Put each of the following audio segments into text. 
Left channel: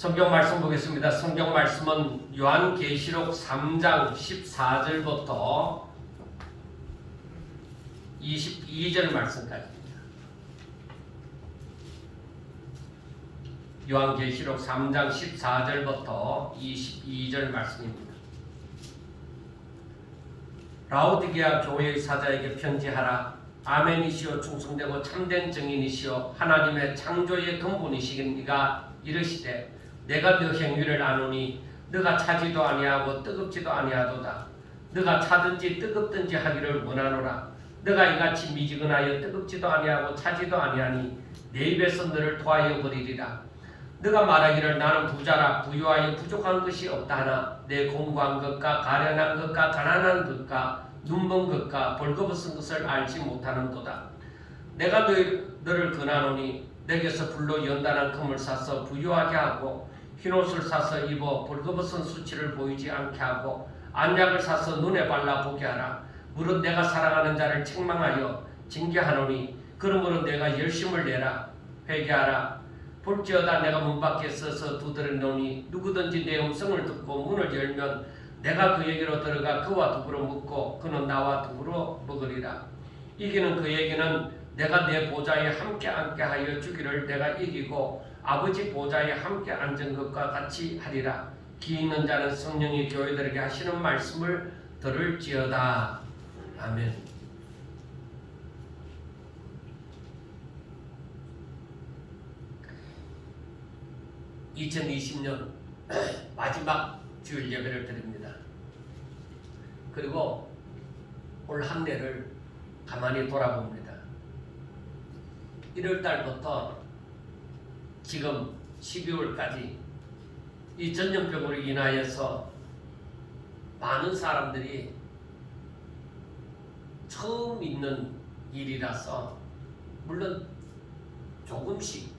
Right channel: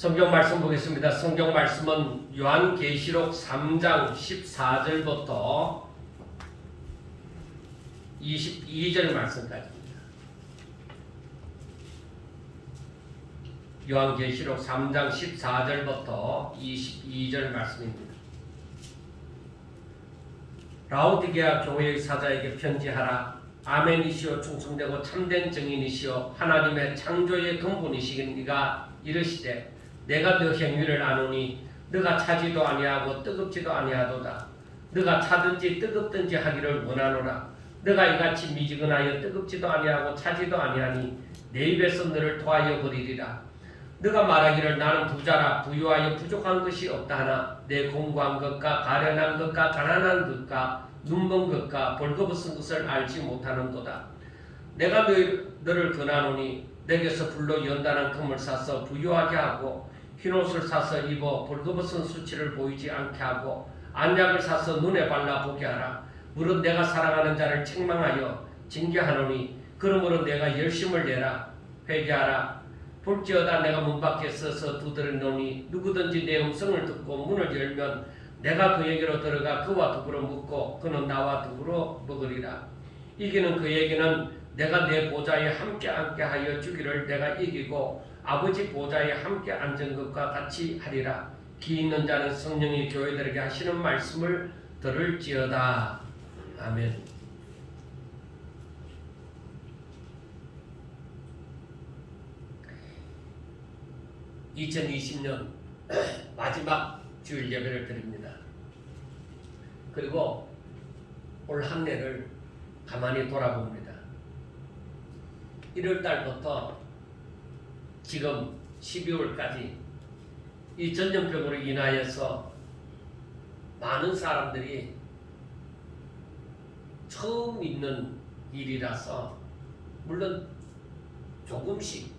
성경 말씀 보겠습니다. 성경 말씀은 요한계시록 3장 14절부터 22절 말씀까지입니다. 요한계시록 3장 14절부터 22절 말씀입니다. 라오디게아 교회의 사자에게 편지하라. 아멘이시오 충성되고 참된 증인이시오 하나님의 창조의 근본이시니가 이르시되 내가 너 행위를 아노니 너가 차지도 아니하고 뜨겁지도 아니하도다. 너가 차든지 뜨겁든지 하기를 원하노라. 너가 이같이 미지근하여 뜨겁지도 아니하고 차지도 아니하니 내 입에서 너를 토하여 버리리라. 너가 말하기를 나는 부자라 부유하여 부족한 것이 없다 하나 내 공부한 것과 가련한 것과 가난한 것과 눈먼 것과 벌거벗은 것을 알지 못하는도다. 내가 너를 권하노니 내게서 불로 연단한 금을 사서 부유하게 하고 흰옷을 사서 입어 벌거벗은 수치를 보이지 않게 하고 안약을 사서 눈에 발라 보게 하라. 무릇 내가 사랑하는 자를 책망하여 징계하노니 그러므로 내가 열심을 내라. 회개하라. 볼지어다 내가 문 밖에 서서 두드리노니 누구든지 내 음성을 듣고 문을 열면 내가 그에게로 들어가 그와 더불어 묵고 그는 나와 더불어 먹으리라. 이기는 그에게는 내가 내 보좌에 함께 앉게 하여 주기를 내가 이기고 아버지 보좌에 함께 앉은 것과 같이 하리라. 기 있는 자는 성령이 교회들에게 하시는 말씀을 들을지어다. 아멘. (2020년) 마지막 주일 예배를 드립니다. 그리고 올 한 해를 가만히 돌아봅니다. 1월달부터 지금 12월까지 이 전염병으로 인하여서 많은 사람들이 처음 있는 일이라서 물론 조금씩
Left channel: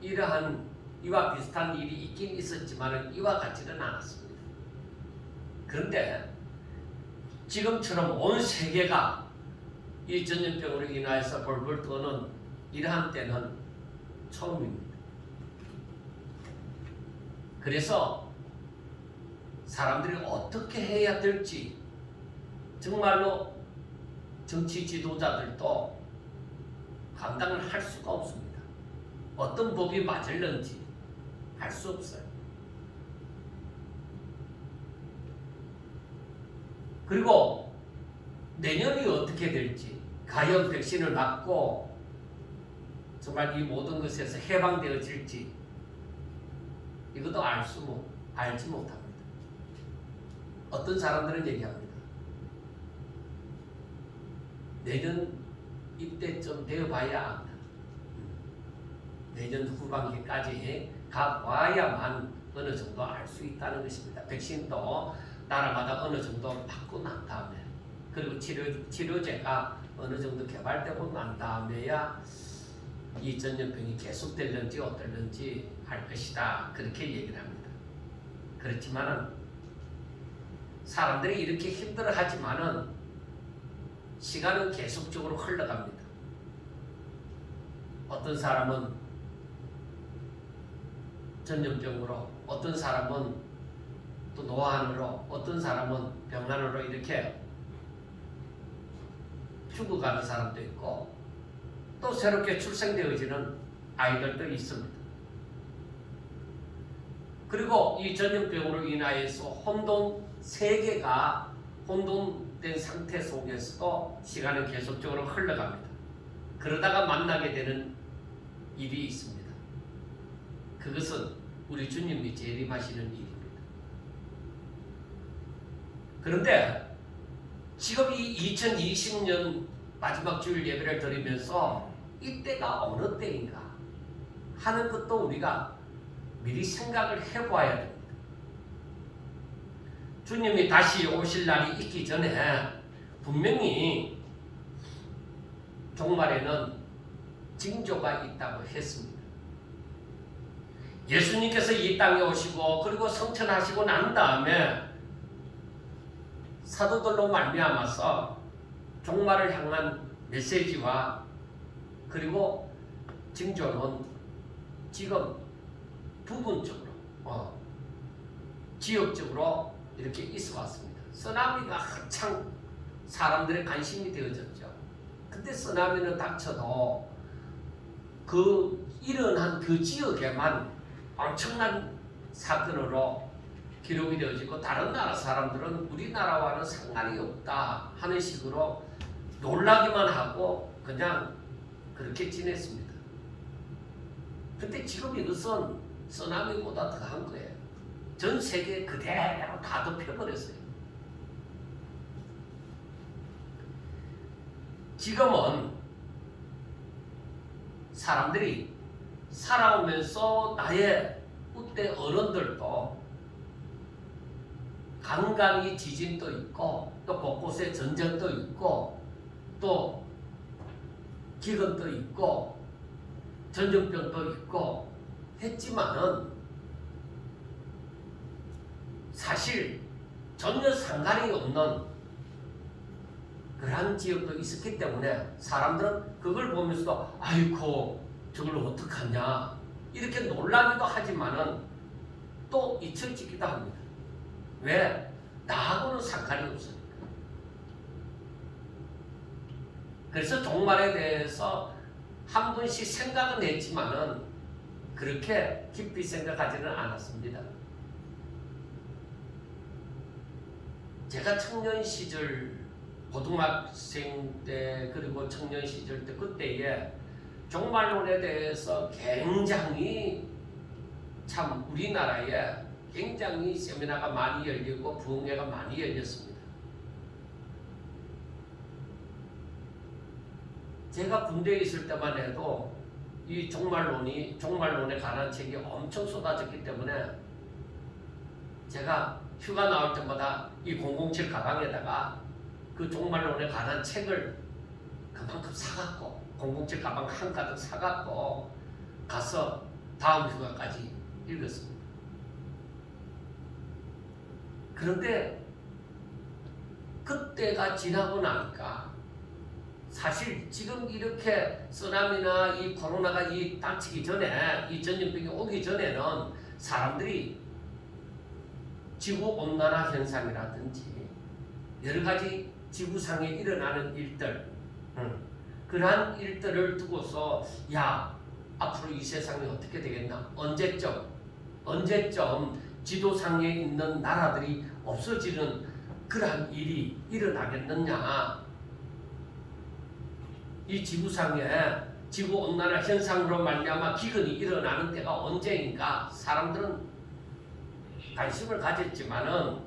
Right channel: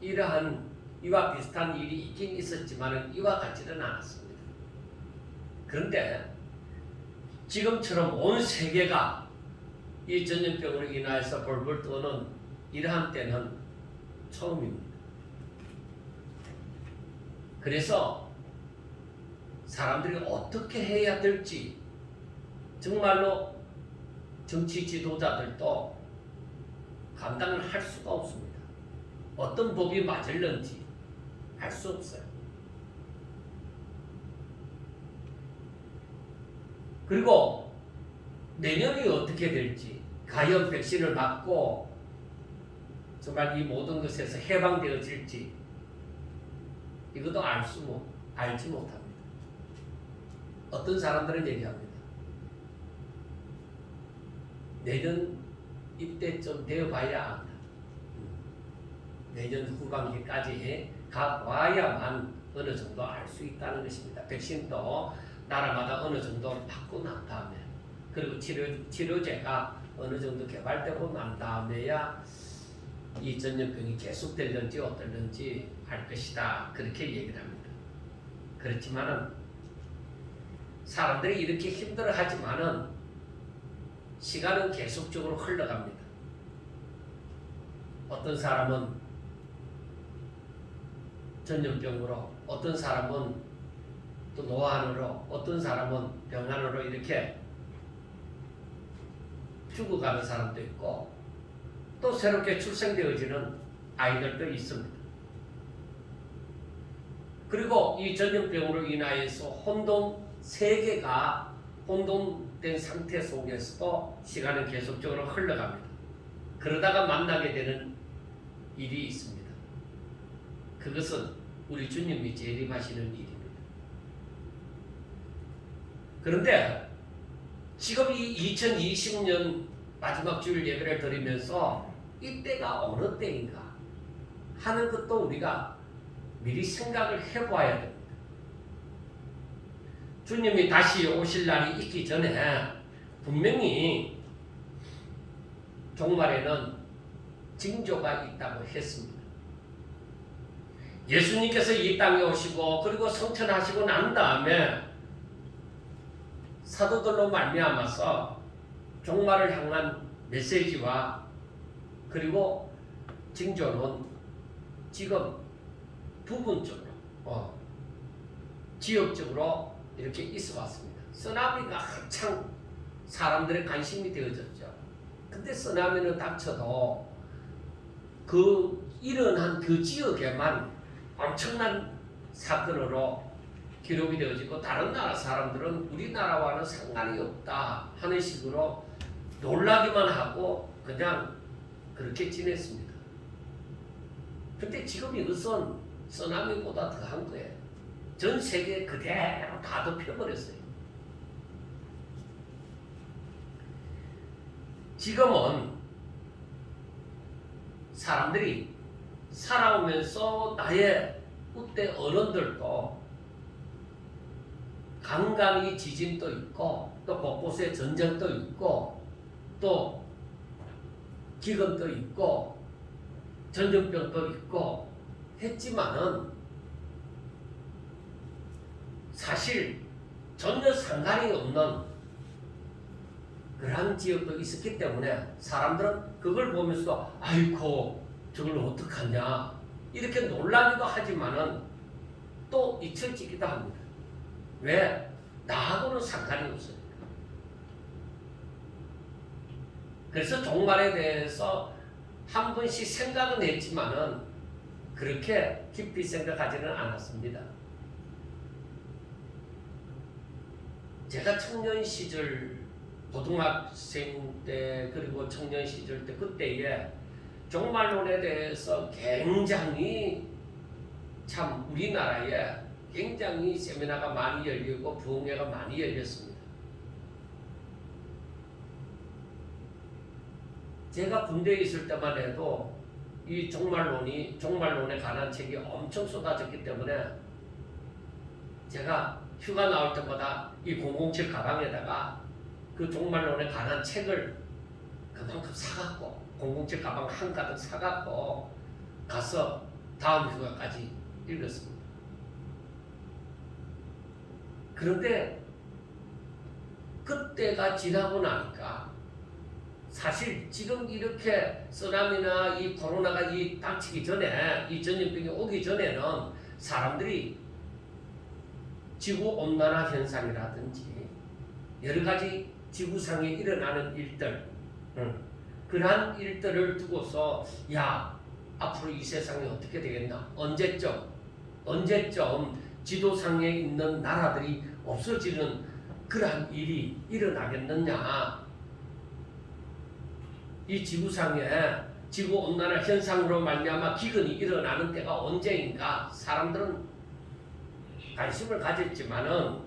이러한 이와 비슷한 일이 있긴 있었지만 이와 같지는 않았습니다. 그런데 지금처럼 온 세계가 이 전염병으로 인하여서 벌벌 떠는 이러한 때는 처음입니다. 그래서 사람들이 어떻게 해야 될지 정말로 정치 지도자들도 감당을 할 수가 없습니다. 어떤 법이 맞을는지 알 수 없어요. 그리고 내년이 어떻게 될지 과연 백신을 맞고 정말 이 모든 것에서 해방되어질지 이것도 알지 못합니다. 어떤 사람들은 얘기합니다. 내년 이때쯤 되어봐야 합니다. 내년 후반기까지 가봐야만 어느 정도 알 수 있다는 것입니다. 백신도 나라마다 어느 정도 받고 난 다음에 그리고 치료제가 어느 정도 개발되고 난 다음에야 이 전염병이 계속될는지 어떨는지 할 것이다. 그렇게 얘기를 합니다. 그렇지만은 사람들이 이렇게 힘들어하지만은 시간은 계속적으로 흘러갑니다. 어떤 사람은 전염병으로, 어떤 사람은 또 노안으로, 어떤 사람은 병안으로 이렇게 죽어가는 사람도 있고 또 새롭게 출생되어지는 아이들도 있습니다. 그리고 이 전염병으로 인하여서 세계가 혼돈된 상태 속에서도 시간은 계속적으로 흘러갑니다. 그러다가 만나게 되는 일이 있습니다. 그것은 우리 주님이 재림하시는 일입니다. 그런데 지금 이 2020년 마지막 주일 예배를 드리면서 이때가 어느 때인가 하는 것도 우리가 미리 생각을 해봐야 됩니다. 주님이 다시 오실 날이 있기 전에 분명히 종말에는 징조가 있다고 했습니다. 예수님께서 이 땅에 오시고 그리고 성천하시고 난 다음에 사도들로 말미암아서 종말을 향한 메시지와 그리고 징조는 지금 부분적으로 지역적으로 이렇게 있어 왔습니다. 쓰나미가 한창 사람들의 관심이 되어졌죠. 근데 쓰나미는 닥쳐도 그 일어난 그 지역에만 엄청난 사건으로 기록이 되어지고 다른 나라 사람들은 우리나라와는 상관이 없다 하는 식으로 놀라기만 하고 그냥 그렇게 지냈습니다. 근데 지금 이것은 쓰나미보다 더한 거예요. 전 세계에 그대로 다 덮여버렸어요. 지금은 사람들이 살아오면서 나의 그때 어른들도 간간히 지진도 있고 또 곳곳에 전쟁도 있고 또 기근도 있고 전염병도 있고 했지만은 사실 전혀 상관이 없는 그러한 지역도 있었기 때문에 사람들은 그걸 보면서도 아이고 저걸 어떡하냐 이렇게 놀라기도 하지만은 또 잊혀지기도 합니다. 왜? 나하고는 상관이 없어요. 그래서 종말에 대해서 한 번씩 생각은 했지만은 그렇게 깊이 생각하지는 않았습니다. 제가 청년 시절 고등학생 때 그리고 청년 시절 때 그때에 종말론에 대해서 굉장히 참 우리나라에 굉장히 세미나가 많이 열리고 부흥회가 많이 열렸습니다. 제가 군대에 있을 때만 해도 이 종말론에 관한 책이 엄청 쏟아졌기 때문에 제가 휴가 나올 때마다 이 007 가방에다가 그 종말론에 관한 책을 그만큼 사갖고 007 가방 한가득 사갖고 가서 다음 휴가까지 읽었습니다. 그런데 그때가 지나고 나니까 사실 지금 이렇게 쓰나미나 이 코로나가 이 닥치기 전에 이 전염병이 오기 전에는 사람들이 지구온난화 현상이라든지 여러 가지 지구상에 일어나는 일들 그러한 일들을 두고서 야 앞으로 이 세상이 어떻게 되겠나 언제쯤 지도상에 있는 나라들이 없어지는 그러한 일이 일어나겠느냐 이 지구상에 지구온난화 현상으로 말미암아 기근이 일어나는 때가 언제인가 사람들은 관심을 가졌지만은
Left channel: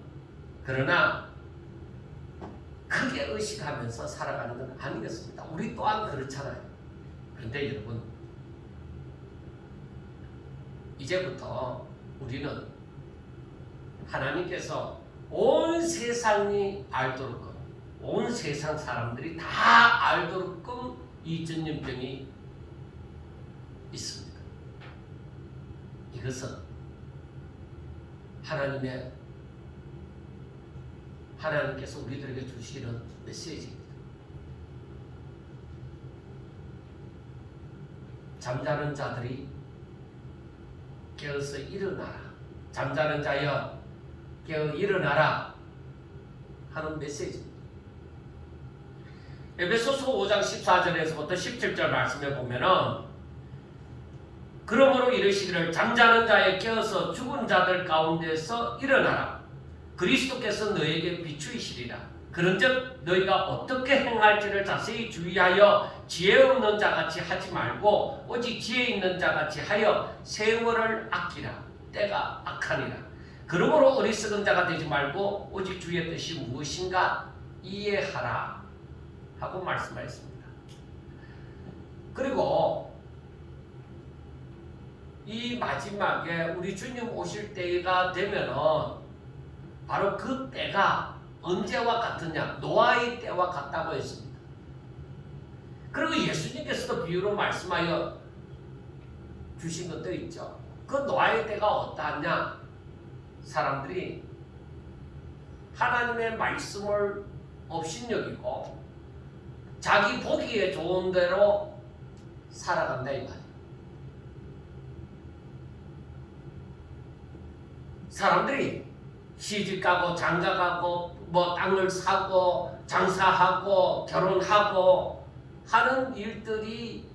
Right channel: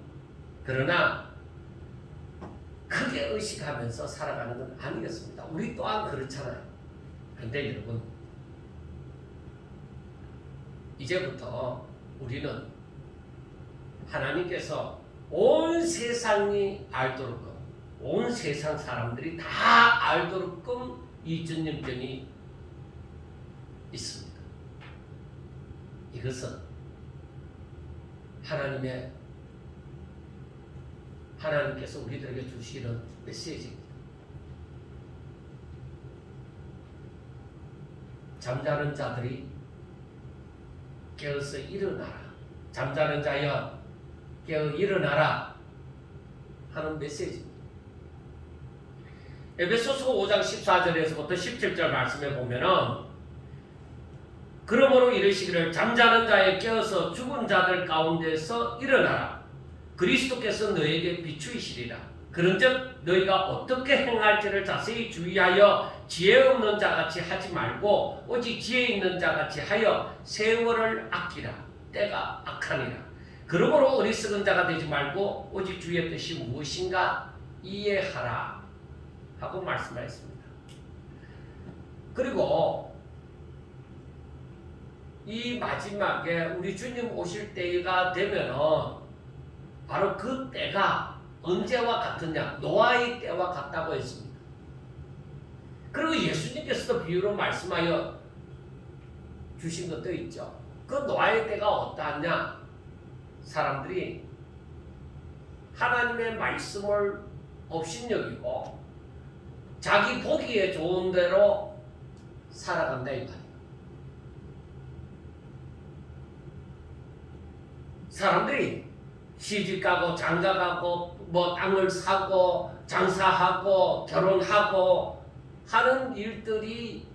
그러나 크게 의식하면서 살아가는 건 아니겠습니다. 우리 또한 그렇잖아요. 그런데 여러분 이제부터 우리는 하나님께서 온 세상이 알도록 온 세상 사람들이 다 알도록끔 이 전염병이 있습니다. 이것은 하나님께서 우리들에게 주시는 메시지입니다. 잠자는 자들이 깨어서 일어나라. 잠자는 자여 깨어 일어나라 하는 메시지입니다. 에베소서 5장 14절에서부터 17절 말씀에 보면은 그러므로 이르시기를 잠자는 자에 깨어서 죽은 자들 가운데서 일어나라. 그리스도께서 너에게 비추이시리라. 그런즉 너희가 어떻게 행할지를 자세히 주의하여 지혜 없는 자같이 하지 말고 오직 지혜 있는 자같이 하여 세월을 아끼라. 때가 악하니라. 그러므로 어리석은 자가 되지 말고 오직 주의 뜻이 무엇인가 이해하라 하고 말씀하셨습니다. 그리고 이 마지막에 우리 주님 오실 때가 되면은 바로 그 때가 언제와 같으냐? 노아의 때와 같다고 했습니다. 그리고 예수님께서도 비유로 말씀하여 주신 것도 있죠. 그 노아의 때가 어떠하냐? 사람들이 하나님의 말씀을 업신여기고 자기 보기에 좋은 대로 살아간다 이 말이에요. 사람들이 시집가고 장가가고 뭐 땅을 사고 장사하고 결혼하고 하는 일들이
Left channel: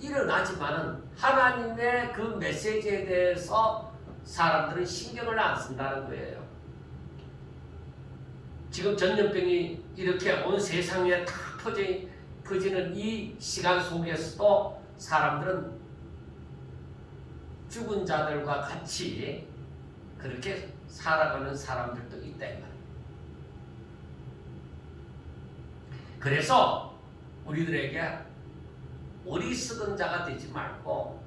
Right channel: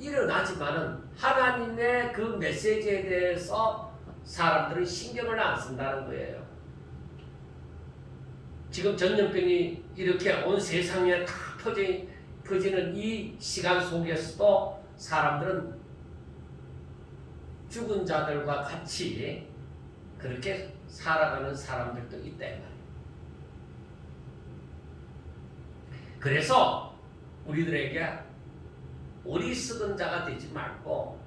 일어나지만은 하나님의 그 메시지에 대해서 사람들은 신경을 안 쓴다는 거예요. 지금 전염병이 이렇게 온 세상에 다 퍼지는 이 시간 속에서도 사람들은 죽은 자들과 같이 그렇게 살아가는 사람들도 있다 이 말이에요. 그래서 우리들에게 어리석은 자가 되지 말고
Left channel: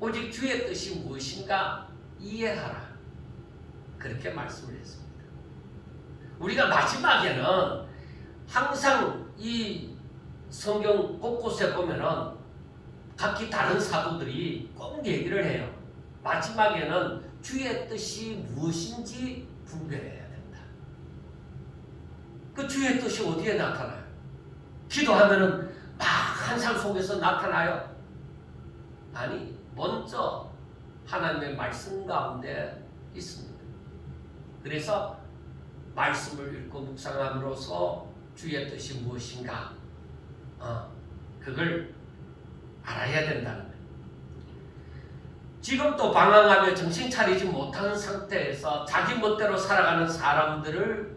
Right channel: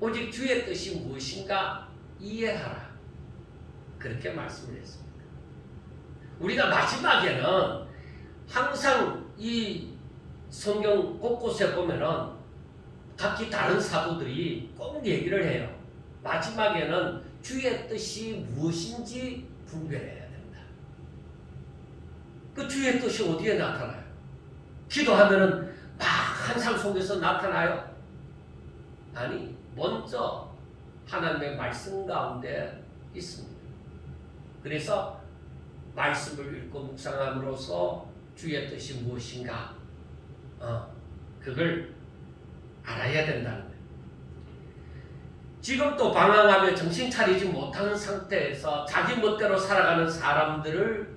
오직 주의 뜻이 무엇인가 이해하라. 그렇게 말씀을 했습니다. 우리가 마지막에는 항상 이 성경 곳곳에 보면은 각기 다른 사도들이 꼭 얘기를 해요. 마지막에는 주의 뜻이 무엇인지 분별해야 된다. 그 주의 뜻이 어디에 나타나요? 기도하면은 막 환상 속에서 나타나요? 아니, 먼저 하나님의 말씀 가운데 있습니다. 그래서 말씀을 읽고 묵상함으로써 주의 뜻이 무엇인가 그걸 알아야 된다는 거예요. 지금 또 방황하며 정신 차리지 못하는 상태에서 자기 멋대로 살아가는 사람들을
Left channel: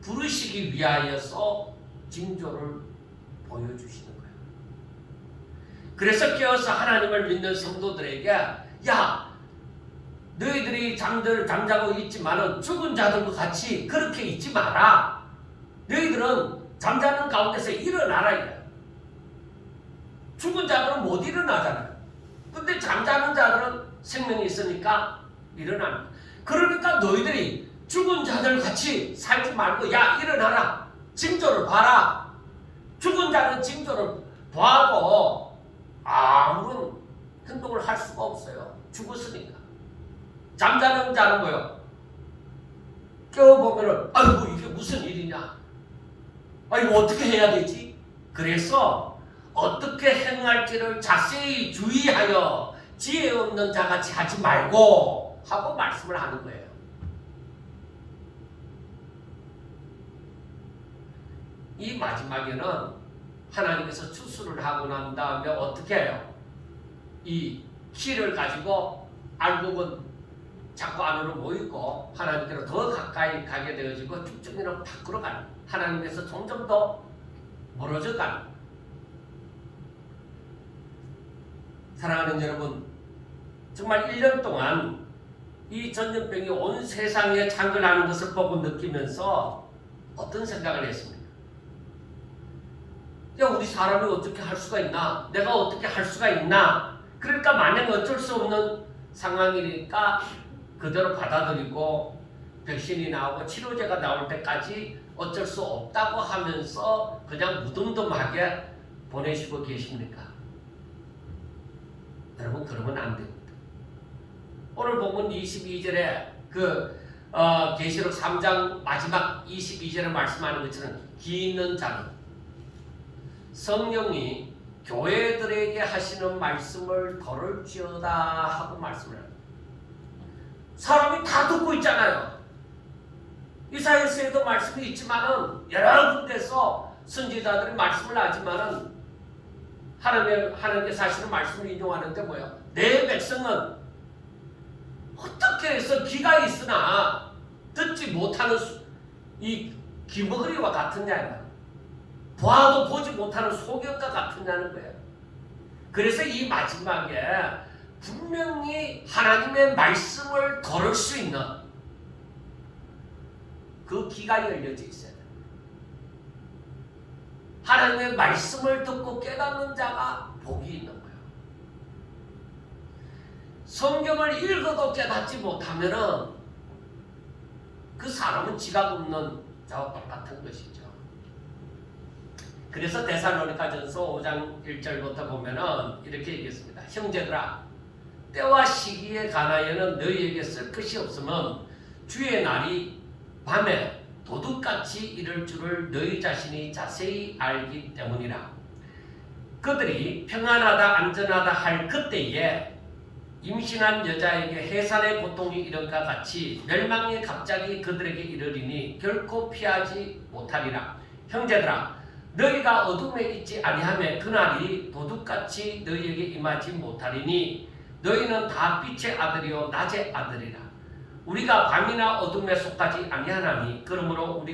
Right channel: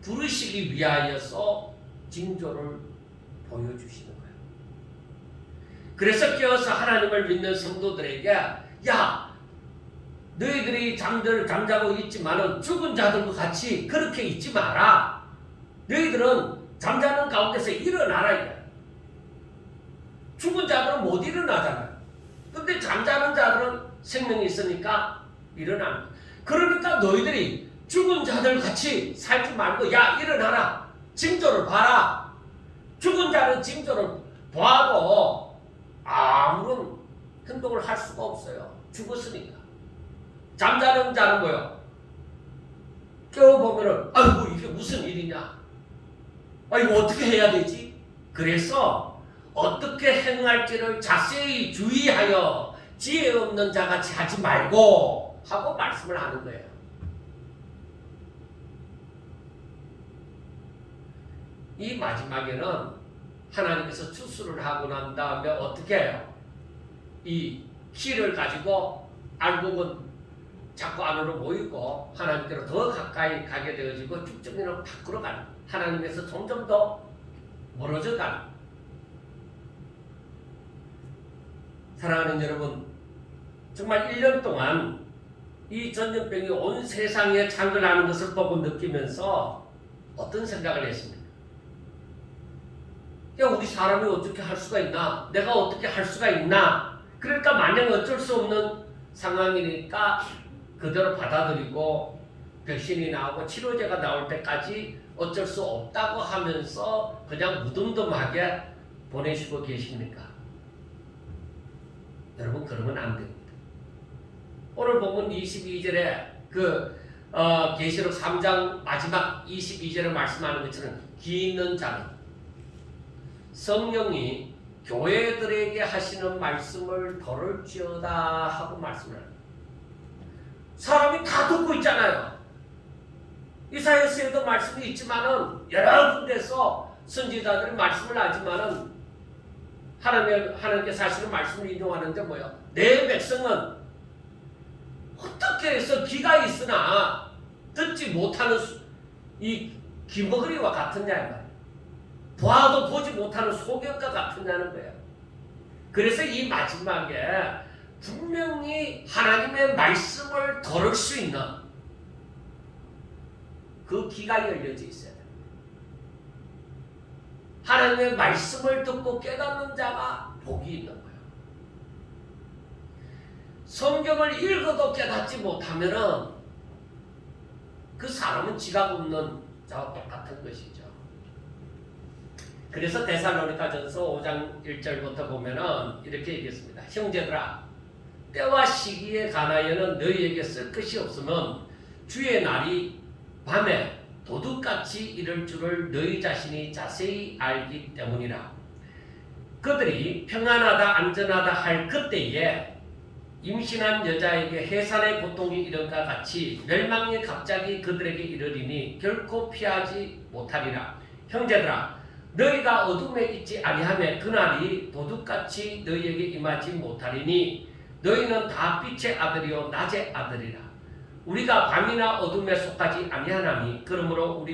부르시기 위하여서 징조를 보여주시는 거예요. 그래서 깨어서 하나님을 믿는 성도들에게 야, 너희들이 잠자고 있지만은 죽은 자들도 같이 그렇게 있지 마라. 너희들은 잠자는 가운데서 일어나라. 죽은 자들은 못 일어나잖아요. 근데 잠자는 자들은 생명이 있으니까 일어납니다. 그러니까 너희들이 죽은 자들 같이 살지 말고 야, 일어나라. 징조를 봐라. 죽은 자는 징조를 봐도 아무런 행동을 할 수가 없어요. 죽었으니까. 잠자는 자는 뭐요? 깨워보면은 아이고 이게 무슨 일이냐? 아이고 어떻게 해야 되지? 그래서 어떻게 행할지를 자세히 주의하여 지혜 없는 자같이 하지 말고 하고 말씀을 하는 거예요. 이 마지막에는 하나님께서 추수를 하고 난 다음에 어떻게 해요? 이 키를 가지고 알곡은 자꾸 안으로 모이고 하나님께로 더 가까이 가게 되어지고 쭉쭉이는 밖으로 가는, 하나님께서 점점 더 멀어져 가는. 사랑하는 여러분, 정말 1년 동안 이 전염병이 온 세상에 창궐하는 것을 보고 느끼면서 어떤 생각을 했습니까? 야, 우리 사람이 어떻게 할 수가 있나? 내가 어떻게 할 수가 있나? 그러니까 마냥 어쩔 수 없는 상황이니까 그대로 받아들이고 백신이 나오고 치료제가 나올 때까지 어쩔 수 없다고 하면서 그냥 무덤덤하게 보내시고 계십니까? 여러분, 그러면 안 됩니다. 오늘 본문 22절에 계시록 3장 마지막 22절에 말씀하는 것처럼 기 있는 자는 성령이 교회들에게 하시는 말씀을 들을지어다 하고 말씀을 합니다. 사람이 다 듣고 있잖아요. 이사야서에도 말씀이 있지만은 여러 군데서 선지자들이 말씀을 하지만은 하나님께서 하시는 말씀을 인용하는데 뭐야? 내 백성은 어떻게 해서 귀가 있으나 듣지 못하는 이 기머거리와 같으냐, 봐도 보지 못하는 소경과 같으냐는 거예요. 그래서 이 마지막에 분명히 하나님의 말씀을 들을 수 있는 그 귀가 열려져 있어요. 하나님의 말씀을 듣고 깨닫는 자가 복이 있는 거예요. 성경을 읽어도 깨닫지 못하면은 그 사람은 지각 없는 자와 똑같은 것이죠. 그래서 데살로니가전서 5장 1절부터 보면은 이렇게 얘기했습니다. 형제들아, 때와 시기에 관하여는 너희에게 쓸 것이 없으면 주의 날이 밤에 도둑같이 이를 줄을 너희 자신이 자세히 알기 때문이라. 그들이 평안하다 안전하다 할 그때에 임신한 여자에게 해산의 고통이 이른과 같이 멸망이 갑자기 그들에게 이르리니 결코 피하지 못하리라. 형제들아, 너희가 어둠에 있지 아니하며 그날이 도둑같이 너희에게 임하지 못하리니 너희는 다 빛의 아들이요 낮의 아들이라. 우리가 밤이나 어둠에 속하지 아니하나니 그러므로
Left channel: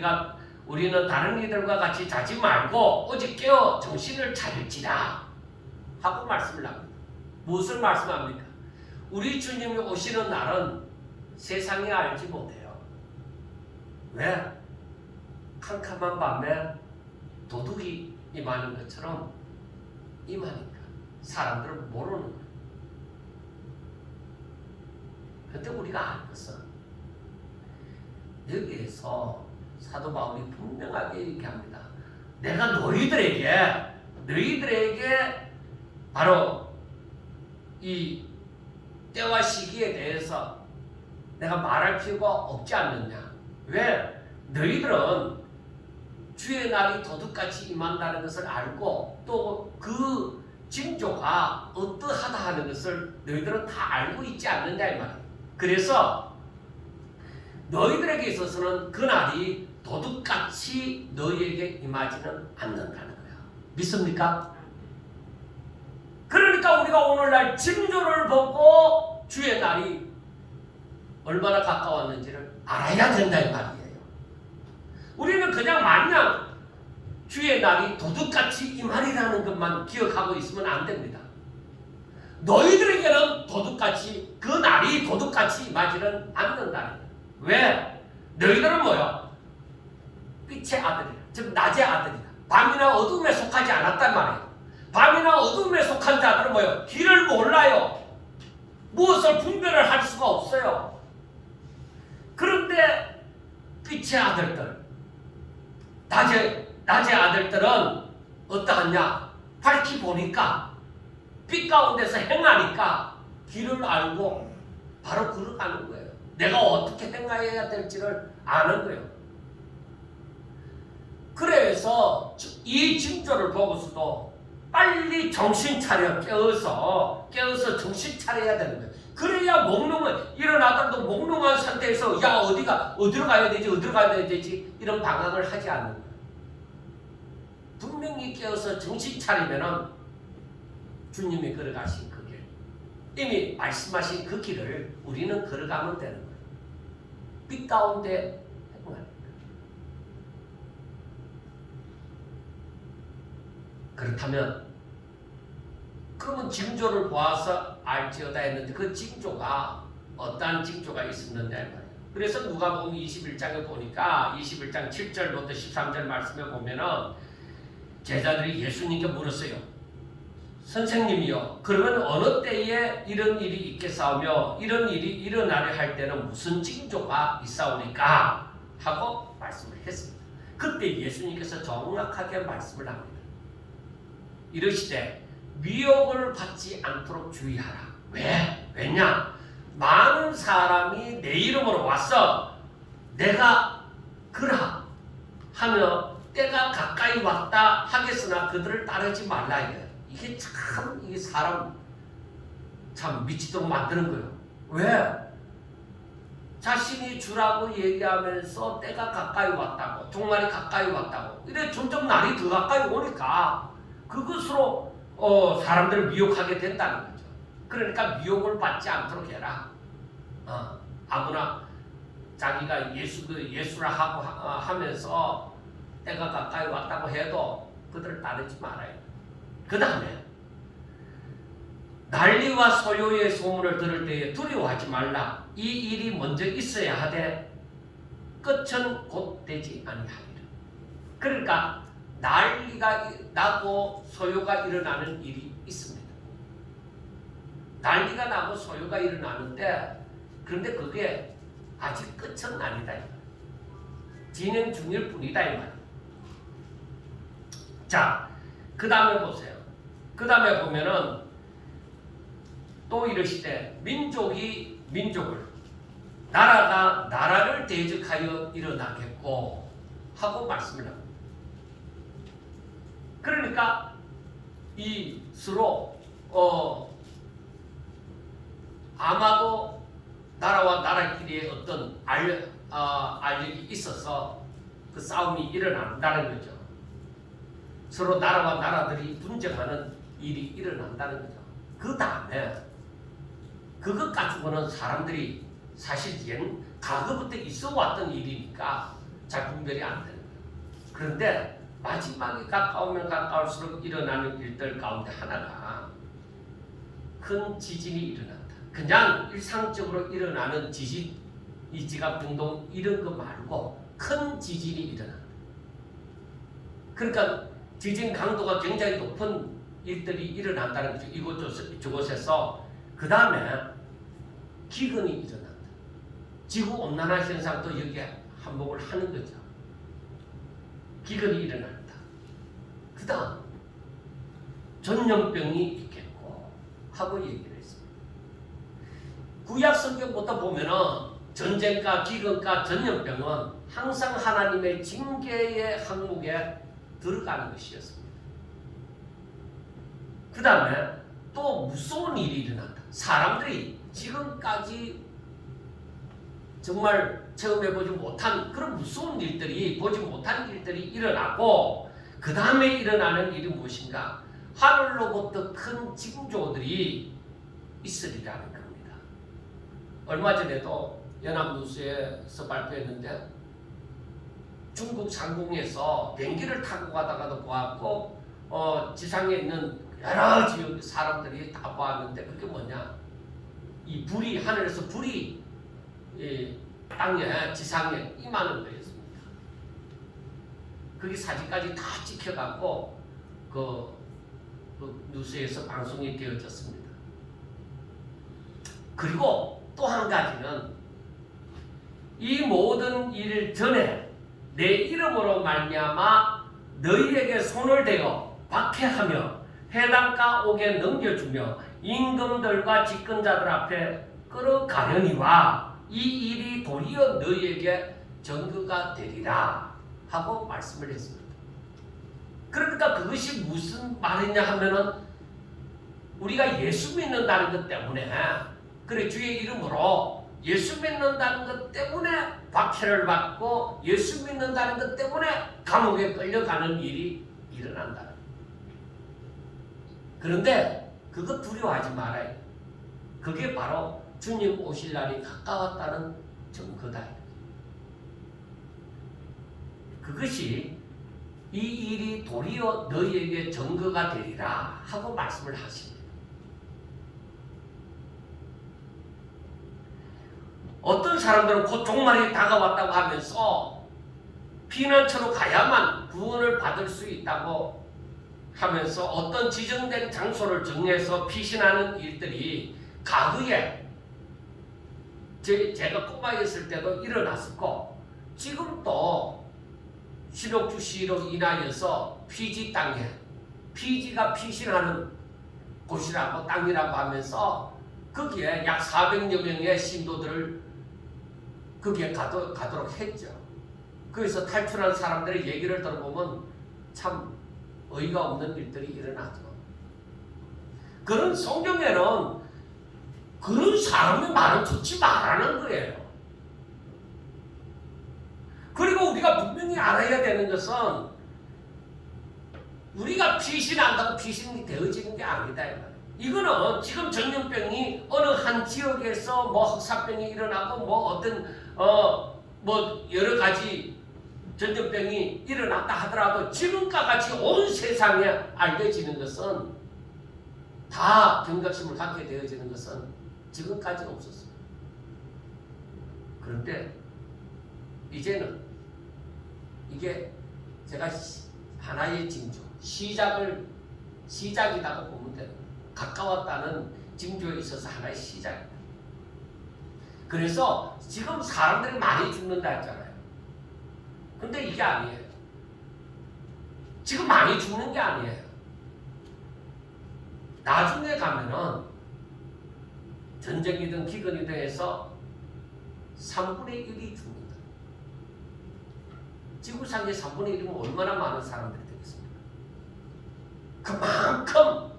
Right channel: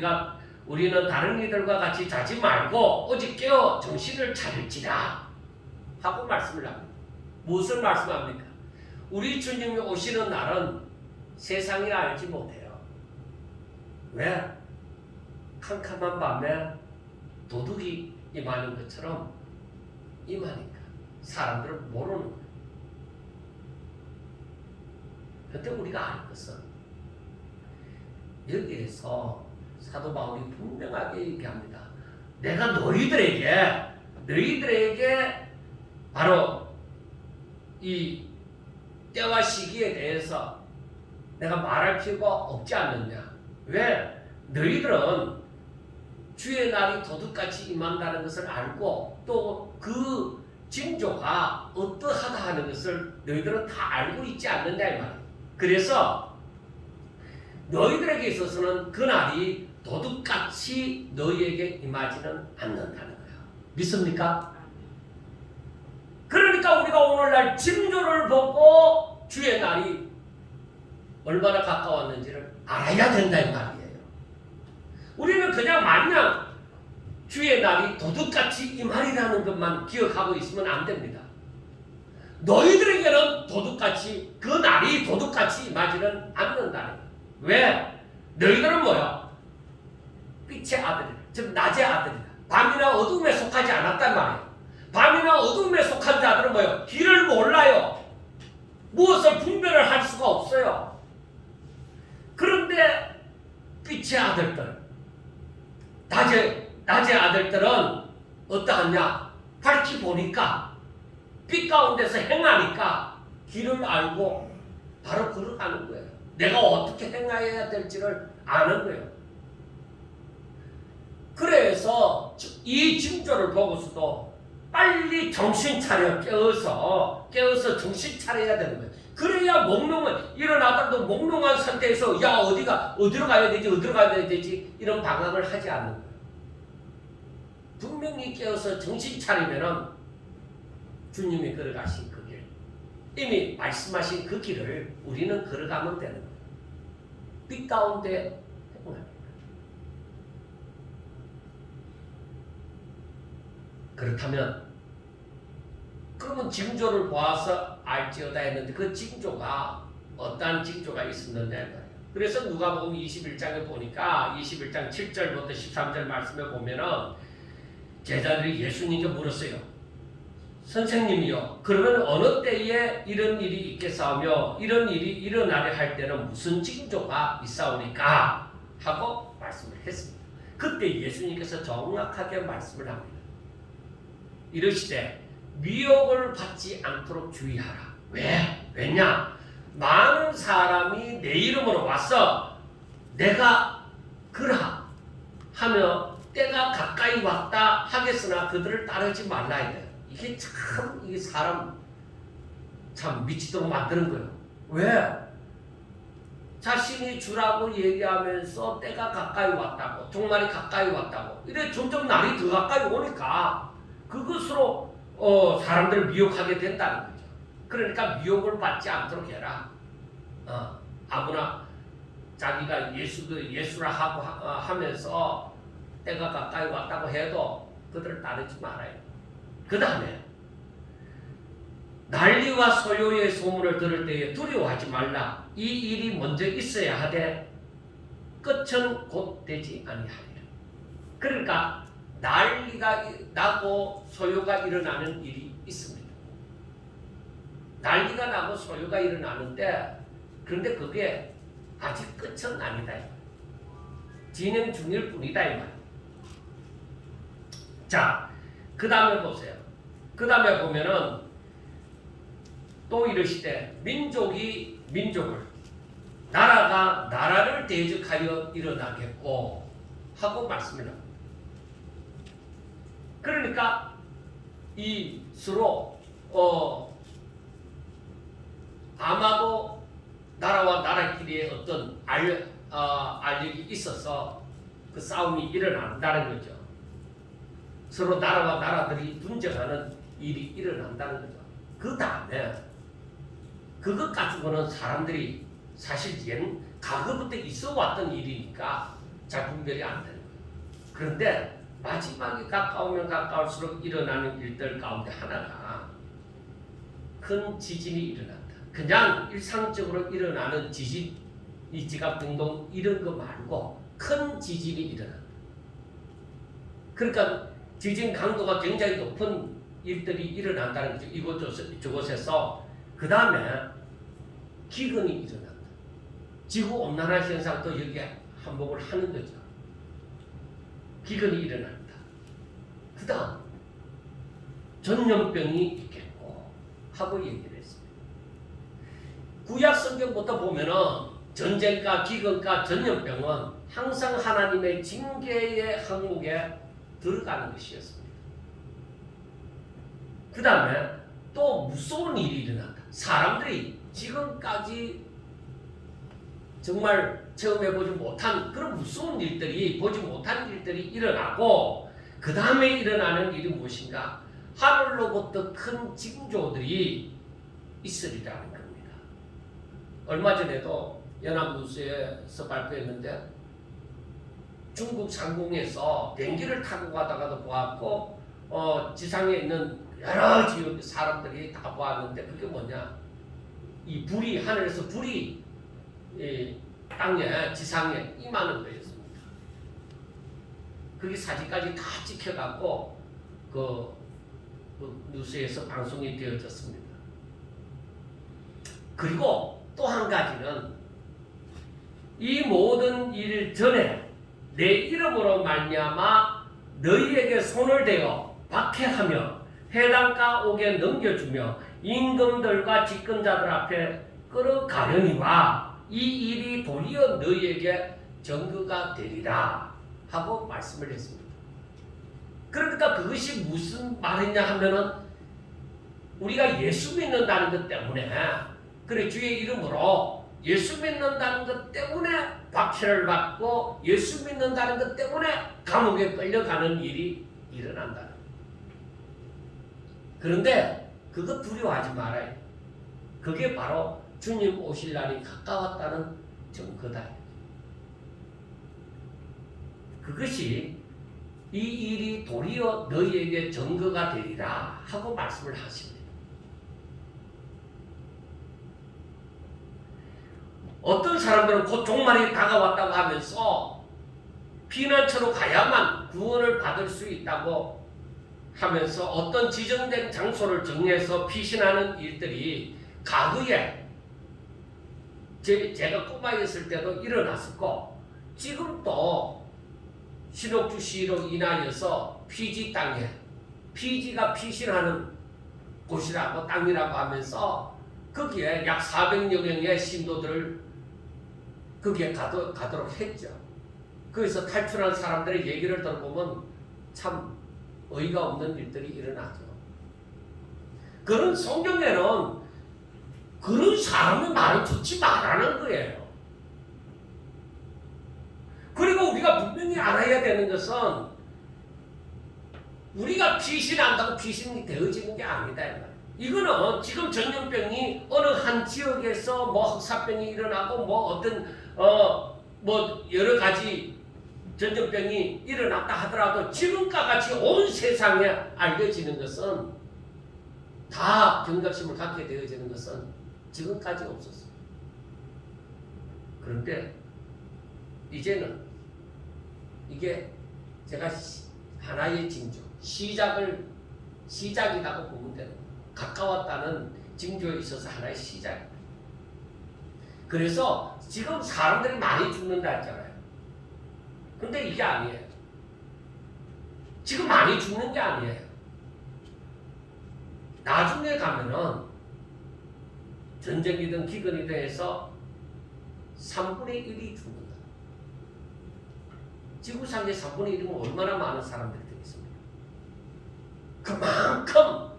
우리는 다른 이들과 같이 자지 말고 오직 깨어 정신을 차릴지라 하고 말씀을 합니다. 무엇을 말씀합니까? 우리 주님이 오시는 날은 세상이 알지 못해요. 왜? 캄캄한 밤에 도둑이 임하는 것처럼 임하니까 사람들은 모르는 거예요. 그때 우리가 알 것은 여기에서 사도 바울이 분명하게 얘기합니다. 내가 너희들에게 바로 이 때와 시기에 대해서 내가 말할 필요가 없지 않느냐. 왜? 너희들은 주의 날이 도둑같이 임한다는 것을 알고 또 그 징조가 어떠하다 하는 것을 너희들은 다 알고 있지 않는다 이 말이에요. 그래서 너희들에게 있어서는 그 날이 도둑같이 너희에게 임하지는 않는다는 거야. 믿습니까? 그러니까 우리가 오늘날 징조를 보고 주의 날이 얼마나 가까웠는지를 알아야 된다 이 말이에요. 우리는 그냥 마냥 주의 날이 도둑같이 임하리라는 것만 기억하고 있으면 안 됩니다. 너희들에게는 도둑같이 그 날이 도둑같이 임하지는 않는다. 왜? 너희들은 뭐야? 빛의 아들이다. 즉 낮의 아들이다. 밤이나 어둠에 속하지 않았단 말이에요. 밤이나 어둠에 속한 자들은 뭐예요? 길을 몰라요. 무엇을 분별을 할 수가 없어요. 그런데 빛의 아들들, 낮의 아들들은 어떠하냐? 밝히 보니까 빛 가운데서 행하니까 길을 알고 바로 걸어가는 거예요. 내가 어떻게 행해야 될지를 아는 거예요. 그래서 이 징조를 보고서도 빨리 정신 차려 깨어서 정신 차려야 되는 거예요. 그래야 일어나더라도 몽롱한 상태에서 야 어디로 가야 되지 이런 방황을 하지 않는 거예요. 분명히 깨어서 정신 차리면은 주님이 걸어가신 그 길, 이미 말씀하신 그 길을 우리는 걸어가면 되는 거예요. 빛 가운데 행합니다. 그렇다면 그러면 징조를 보아서 알지어다 했는데 그 징조가 어떠한 징조가 있었는데 그래서 누가복음 21장에 보니까 21장 7절부터 13절 말씀에 보면은 제자들이 예수님께 물었어요. 선생님이요, 그러면 어느 때에 이런 일이 있겠사오며 이런 일이 일어나려 할 때는 무슨 징조가 있사오니까 하고 말씀을 했습니다. 그때 예수님께서 정확하게 말씀을 합니다. 이르시되 미혹을 받지 않도록 주의하라. 왜냐? 많은 사람이 내 이름으로 와서 내가 그라 하며 때가 가까이 왔다 하겠으나 그들을 따르지 말라 이래요. 이게 참 이 사람 참 미치도록 만드는 거예요. 왜? 자신이 주라고 얘기하면서 때가 가까이 왔다고, 종말이 가까이 왔다고 이래 점점 날이 더 가까이 오니까 그것으로 사람들을 미혹하게 된다는 거죠. 그러니까 미혹을 받지 않도록 해라. 아무나 자기가 예수라 하고 하면서 때가 가까이 왔다고 해도 그들을 따르지 말아요. 그 다음에 난리와 소요의 소문을 들을 때에 두려워하지 말라. 이 일이 먼저 있어야 하되 끝은 곧 되지 아니하리라. 그러니까 난리가 나고 소요가 일어나는 일이 있습니다. 난리가 나고 소요가 일어나는데 그런데 그게 아직 끝은 아니다. 진행 중일 뿐이다 이 말. 자, 그 다음에 보세요. 그 다음에 보면은 또 이르시되 민족이 민족을, 나라가 나라를 대적하여 일어나겠고 하고 말씀을 합니다. 그러니까 이 서로 아마도 나라와 나라끼리의 어떤 알력이 있어서 그 싸움이 일어난다는 거죠. 서로 나라와 나라들이 분쟁하는 일이 일어난다는 거죠. 그 다음에 그것 가지고는 사람들이 사실 과거부터 있어 왔던 일이니까 잘 분별이 안 되는 거예요. 그런데 마지막에 가까우면 가까울수록 일어나는 일들 가운데 하나가 큰 지진이 일어난다. 그냥 일상적으로 일어나는 지진, 이 지각 등동 이런 거 말고 큰 지진이 일어난다. 그러니까 지진 강도가 굉장히 높은 일들이 일어난다는 거죠. 이곳저곳에서. 그 다음에 기근이 일어난다. 지구온난화 현상도 여기에 한몫을 하는 거죠. 기근이 일어난다. 그 다음 전염병이 있겠고 하고 얘기를 했습니다. 구약 성경부터 보면은 전쟁과 기근과 전염병은 항상 하나님의 징계의 항목에 들어가는 것이었습니다. 그 다음에 또 무서운 일이 일어난다. 사람들이 지금까지 정말 처음 해보지 못한 그런 무서운 일들이, 보지 못한 일들이 일어나고, 그 다음에 일어나는 일이 무엇인가? 하늘로부터 큰 징조들이 있으리라는 겁니다. 얼마 전에도 연합뉴스에서 발표했는데 중국 상공에서 비행기를 타고 가다가도 보았고 지상에 있는 여러 지역 사람들이 다 보았는데 그게 뭐냐? 이 불이, 하늘에서 불이 땅에, 지상에 임하는 거였습니다. 그게 사진까지 다 찍혀갖고 그 뉴스에서 방송이 되어졌습니다. 그리고 또 한 가지는 이 모든 일 전에 내 이름으로 말미암아 너희에게 손을 대어 박해하며 해당가 옥에 넘겨주며 임금들과 집권자들 앞에 끌어가려니와 이 일이 도리어 너희에게 전거가 되리라 하고 말씀을 했습니다. 그러니까 그것이 무슨 말이냐 하면은 우리가 예수 믿는다는 것 때문에, 그래 주의 이름으로 예수 믿는다는 것 때문에 박해를 받고 예수 믿는다는 것 때문에 감옥에 끌려가는 일이 일어난다. 그런데 그거 두려워하지 말아요. 그게 바로 주님 오실 날이 가까웠다는 증거다. 그것이 이 일이 도리어 너희에게 증거가 되리라 하고 말씀을 하십니다. 어떤 사람들은 곧 종말이 다가왔다고 하면서 피난처로 가야만 구원을 받을 수 있다고 하면서 어떤 지정된 장소를 정해서 피신하는 일들이 과거에 제가 꼬마였을 때도 일어났었고 지금도 신옥주시로 인하여서 피지 땅에, 피지가 피신하는 곳이라고 땅이라고 하면서 거기에 약 400여 명의 신도들을 거기에 가도록 했죠. 그래서 탈출한 사람들의 얘기를 들어보면 참 어이가 없는 일들이 일어나죠. 그런 성경에는 그런 사람의 말을 듣지 말라는 거예요. 그리고 우리가 분명히 알아야 되는 것은 우리가 피신한다고 피신이 되어지는 게 아니다. 이거는 지금 전염병이 어느 한 지역에서 뭐 흑사병이 일어나고 뭐 어떤 뭐 여러 가지 전염병이 일어났다 하더라도 지금과 같이 온 세상에 알려지는 것은 다 경각심을 갖게 되어지는 것은 지금까지 없었어요. 그런데 이제는 이게 제가 하나의 징조, 시작이라고 보면 돼요. 가까웠다는 징조에 있어서 하나의 시작. 그래서 지금 사람들이 많이 죽는다 했잖아요. 근데 이게 아니에요. 지금 많이 죽는 게 아니에요. 나중에 가면은 전쟁이든 기근이든 해서 3분의 1이 죽는다. 지구상의 3분의 1이면 얼마나 많은 사람들이 되겠습니까? 그만큼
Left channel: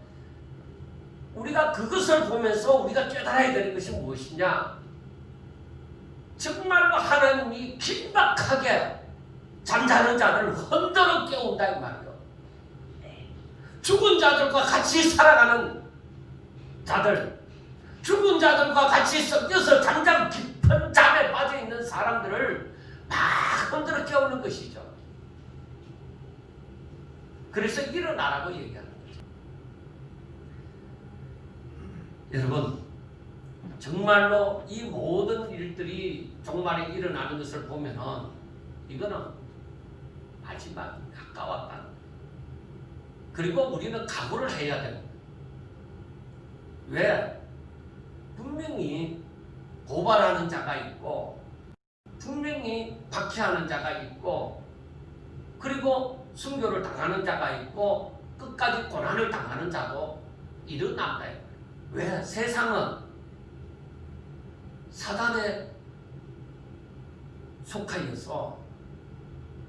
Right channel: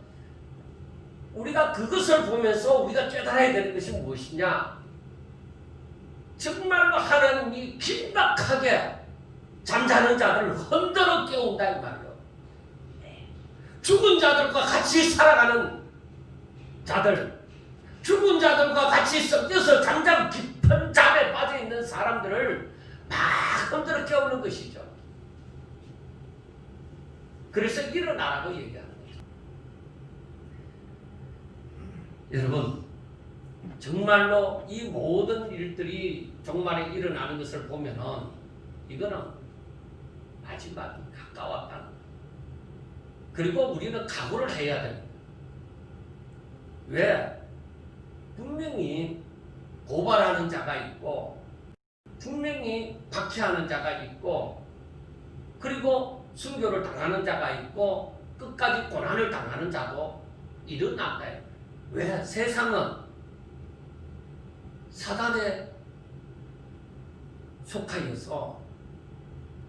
우리가 그것을 보면서 우리가 깨달아야 되는 것이 무엇이냐? 정말로 하나님이 긴박하게 잠자는 자들을 흔들어 깨운다 이 말이에요. 죽은 자들과 같이 살아가는 자들, 죽은 자들과 같이 섞여서 잠자는 깊은 잠에 빠져 있는 사람들을 막 흔들어 깨우는 것이죠. 그래서 일어나라고 얘기하는 거죠. 여러분, 정말로 이 모든 일들이 종말에 일어나는 것을 보면은 이거는 마지막이 가까웠다. 그리고 우리는 각오를 해야 됩니다. 왜? 분명히 고발하는 자가 있고, 분명히 박해하는 자가 있고, 그리고 순교를 당하는 자가 있고, 끝까지 고난을 당하는 자도 일어난다. 왜? 세상은 사단에 속하여서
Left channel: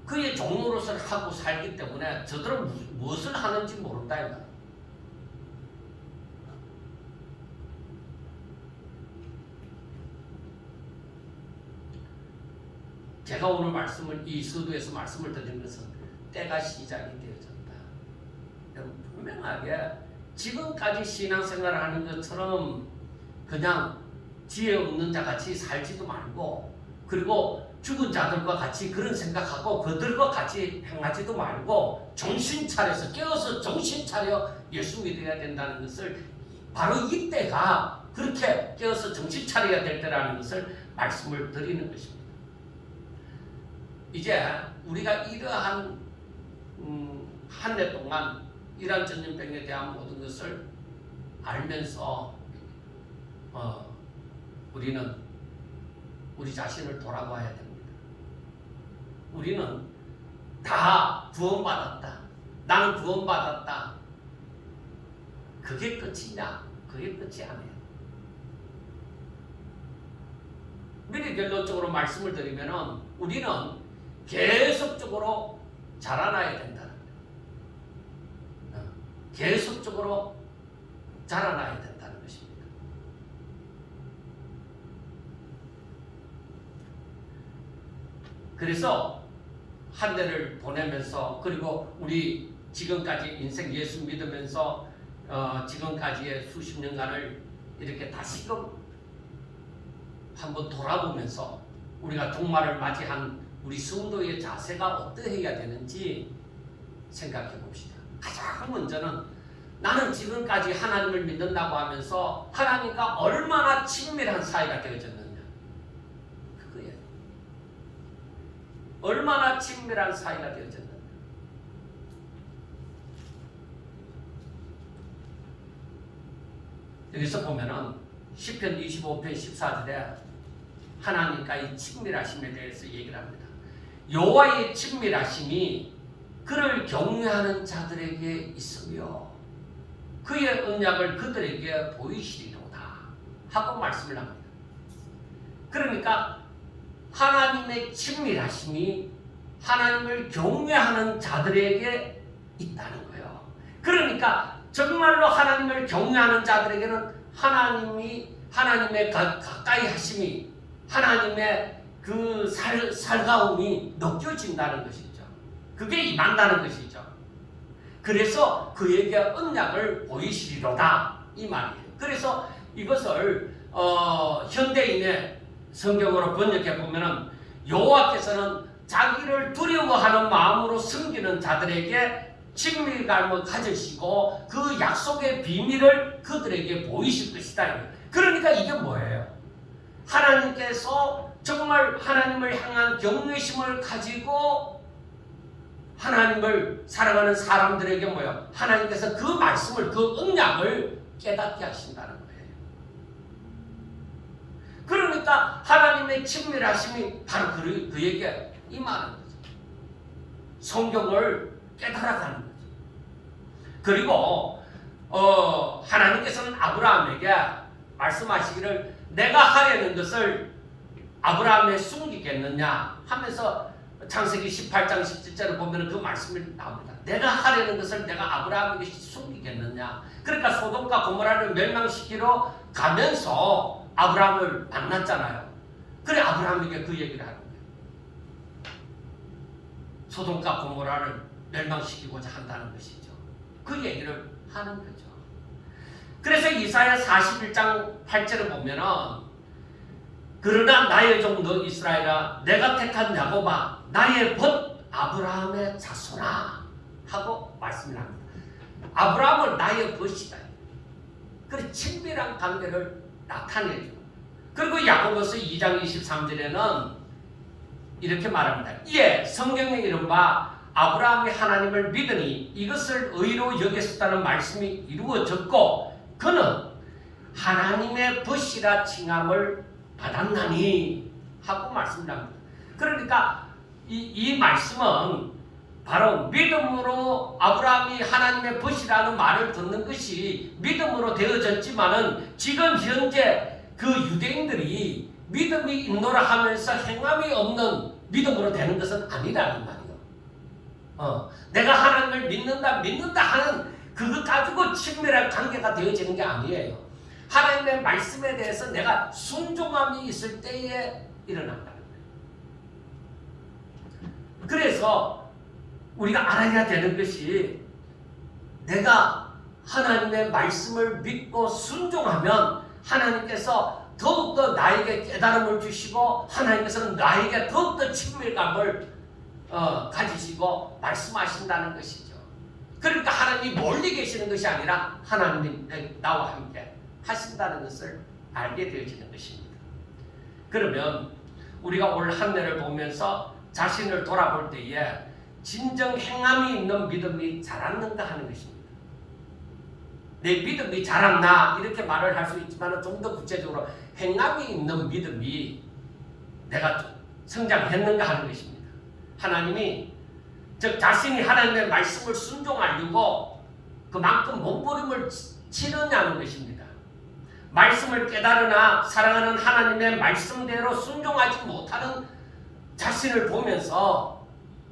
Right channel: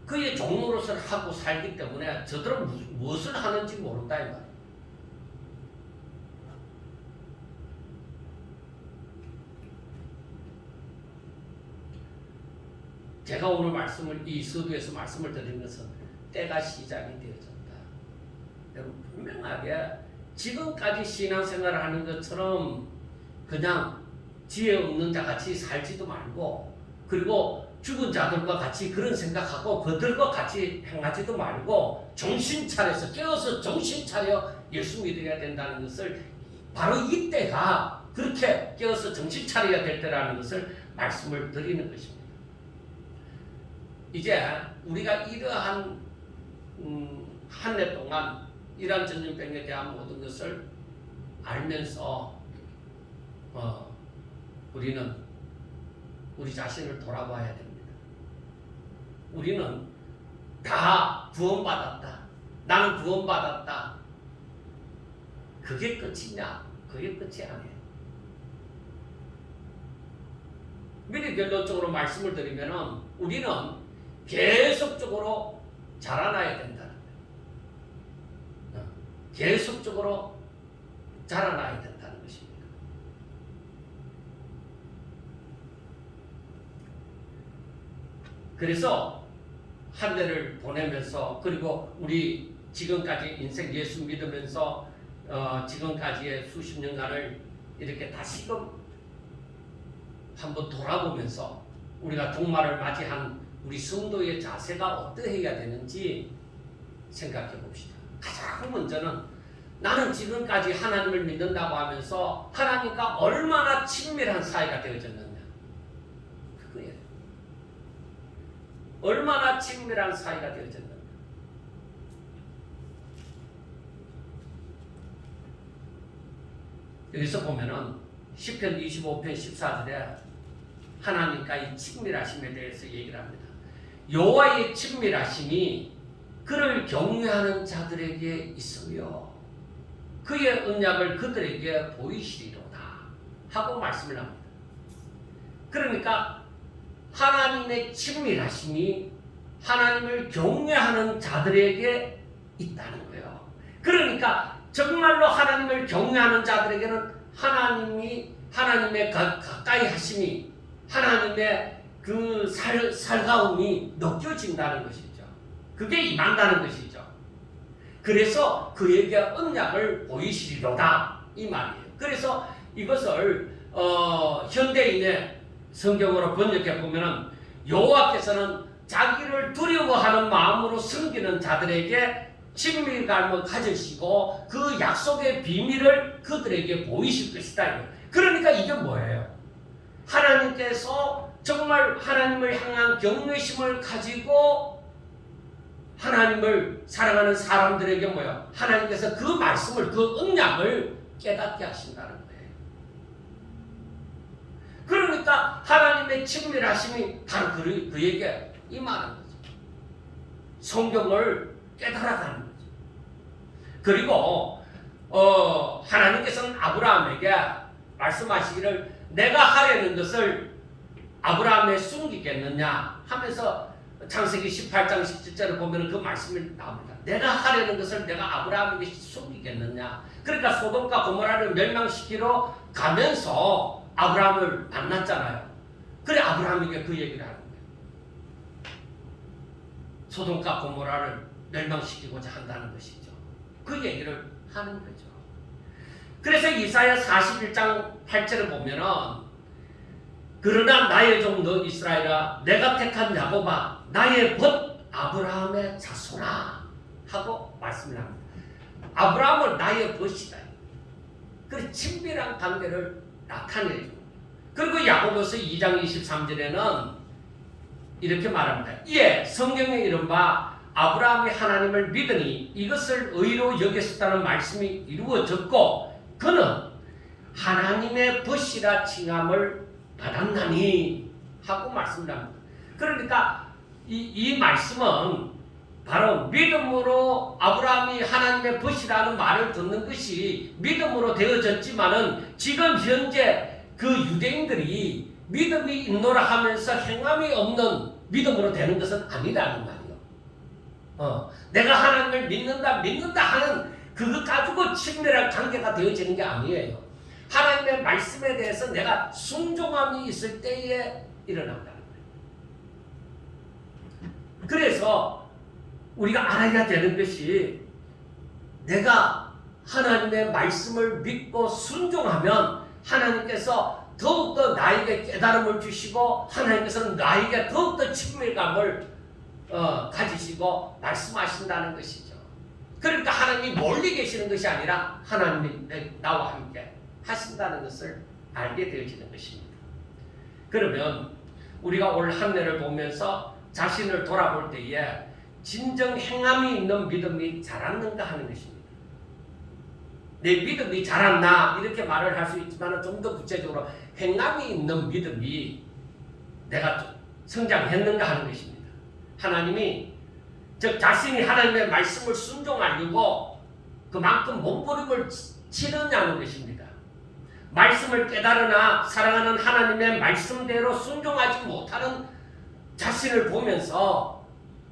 그의 종로로서 하고 살기 때문에 저들은 무엇을 하는지 모른다. 제가 오늘 말씀을 이 서두에서 말씀을 드린 것은 때가 시작이 되어졌다. 여러분 분명하게 지금까지 신앙생활을 하는 것처럼 그냥 지혜 없는 자 같이 살지도 말고, 그리고 죽은 자들과 같이 그런 생각하고 그들과 같이 행하지도 말고 정신 차려서 깨어서 정신 차려 예수 믿어야 된다는 것을, 바로 이때가 그렇게 깨어서 정신 차려야 될 때라는 것을 말씀을 드리는 것입니다. 이제 우리가 이러한 한 해 동안 이러한 전염병에 대한 모든 것을 알면서 우리는 우리 자신을 돌아봐야 됩니다. 우리는 다 구원받았다. 나는 구원받았다. 그게 끝이냐? 그게 끝이 아니에요. 미리 결론적으로 말씀을 드리면 우리는 계속적으로 자라나야 된다. 계속적으로 자라나야 된다는 것입니다. 그래서 한 해를 보내면서, 그리고 우리 지금까지 인생 예수 믿으면서 지금까지의 수십 년간을 이렇게 다시금 한번 돌아보면서 우리가 종말을 맞이한 우리 성도의 자세가 어떠해야 되는지 생각해 봅시다. 가장 먼저는 나는 지금까지 하나님을 믿는다고 하면서 하나님과 얼마나 친밀한 사이가 되어졌느냐. 그거예요. 얼마나 친밀한 사이가 되어졌느냐. 여기서 보면은 시편 25편 14절에 하나님과의 친밀하심에 대해서 얘기를 합니다. 여호와의 친밀하심이 그를 경외하는 자들에게 있으며 그의 언약을 그들에게 보이시리로다 하고 말씀을 합니다. 그러니까 하나님의 친밀하심이 하나님을 경외하는 자들에게 있다는 거예요. 그러니까 정말로 하나님을 경외하는 자들에게는 하나님의 가까이 하심이, 하나님의 그 살가움이 느껴진다는 것이죠. 그게 임한다는 것이죠. 그래서 그에게 언약을 보이시리로다 이 말이에요. 그래서 이것을 현대인의 성경으로 번역해 보면은 여호와께서는 자기를 두려워하는 마음으로 섬기는 자들에게 친밀감을 가지시고 그 약속의 비밀을 그들에게 보이실 것이다. 그러니까 이게 뭐예요? 하나님께서 정말 하나님을 향한 경외심을 가지고 하나님을 사랑하는 사람들에게 뭐야? 하나님께서 그 말씀을, 그 언약을 깨닫게 하신다는 거예요. 그러니까 하나님의 친밀하심이 바로 그에게 임하는 거죠. 성경을 깨달아가는 거죠. 그리고 하나님께서는 아브라함에게 말씀하시기를 내가 하려는 것을 아브라함에 숨기겠느냐 하면서 창세기 18장 17절을 보면 그 말씀을 나옵니다. 내가 하려는 것을 내가 아브라함에게 숨기겠느냐. 그러니까 소돔과 고모라를 멸망시키러 가면서 아브라함을 만났잖아요. 그래 아브라함에게 그 얘기를 하는 거예요. 소돔과 고모라를 멸망시키고자 한다는 것이죠. 그 얘기를 하는 거죠. 그래서 이사야 41장 8절을 보면은 그러나 나의 종 너 이스라엘아 내가 택한 야곱아 나의 벗 아브라함의 자손아 하고 말씀을 합니다. 아브라함은 나의 벗이다. 그 친밀한 관계를 나타내죠. 그리고 야고보서 2장 23절에는 이렇게 말합니다. 이에 성경에 이른바 아브라함이 하나님을 믿으니 이것을 의로 여겼었다는 말씀이 이루어졌고 그는 하나님의 벗이라 칭함을 받았나니 하고 말씀합니다. 그러니까 이 말씀은 바로 믿음으로 아브라함이 하나님의 벗이라는 말을 듣는 것이 믿음으로 되어졌지만은 지금 현재 그 유대인들이 믿음이 있노라 하면서 행함이 없는 믿음으로 되는 것은 아니라는 말이에요. 내가 하나님을 믿는다 하는 그것 가지고 친밀한 관계가 되어지는 게 아니에요. 하나님의 말씀에 대해서 내가 순종함이 있을 때에 일어난다는 거예요. 그래서 우리가 알아야 되는 것이 내가 하나님의 말씀을 믿고 순종하면 하나님께서 더욱더 나에게 깨달음을 주시고 하나님께서는 나에게 더욱더 친밀감을 가지시고 말씀하신다는 것이죠. 그러니까 하나님이 멀리 계시는 것이 아니라 하나님이 나와 함께 하신다는 것을 알게 되어지는 것입니다. 그러면 우리가 올 한 해를 보면서 자신을 돌아볼 때에 진정 행함이 있는 믿음이 자랐는가 하는 것입니다. 내 믿음이 자랐나 이렇게 말을 할 수 있지만 좀 더 구체적으로 행함이 있는 믿음이 내가 성장했는가 하는 것입니다. 하나님이 즉 자신이 하나님의 말씀을 순종하려고 그만큼 몸부림을 치느냐는 것입니다. 말씀을 깨달으나 사랑하는 하나님의 말씀대로 순종하지 못하는 자신을 보면서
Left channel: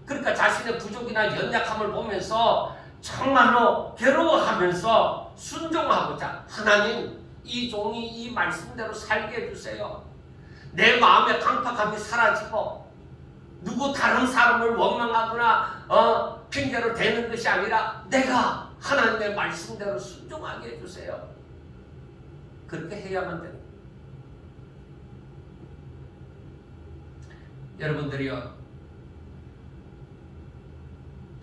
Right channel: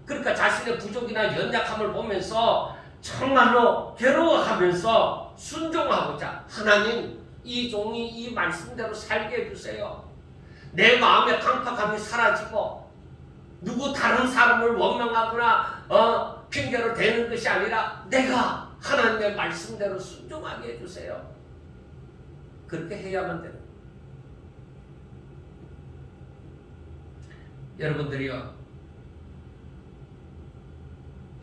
그러니까 자신의 부족이나 연약함을 보면서 정말로 괴로워하면서 순종하고자 하나님 이 종이 이 말씀대로 살게 해주세요. 내 마음의 강팍함이 사라지고 누구 다른 사람을 원망하거나 핑계로 대는 것이 아니라 내가 하나님의 말씀대로 순종하게 해주세요. 그렇게 해야만 됩니다.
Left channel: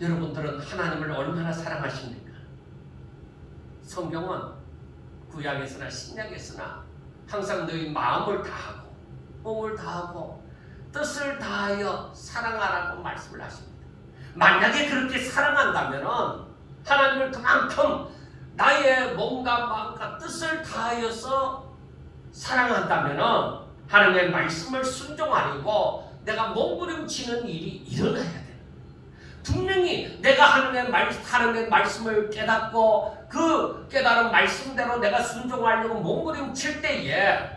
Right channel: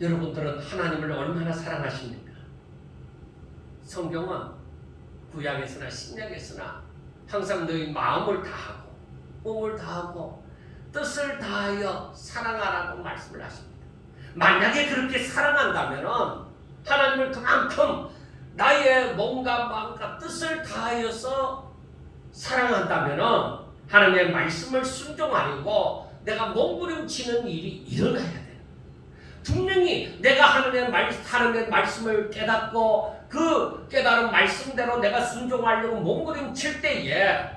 여러분들은 하나님을 얼마나 사랑하십니까? 성경은 구약에서나 신약에서나 항상 너희 마음을 다하고 몸을 다하고 뜻을 다하여 사랑하라고 말씀을 하십니다. 만약에 그렇게 사랑한다면 하나님을 그만큼 나의 몸과 마음과 뜻을 다하여서 사랑한다면 하나님의 말씀을 순종하려고 내가 몸부림치는 일이 일어나야 돼요. 분명히 내가 하나님의 말씀을 깨닫고 그 깨달은 말씀대로 내가 순종하려고 몸부림칠 때에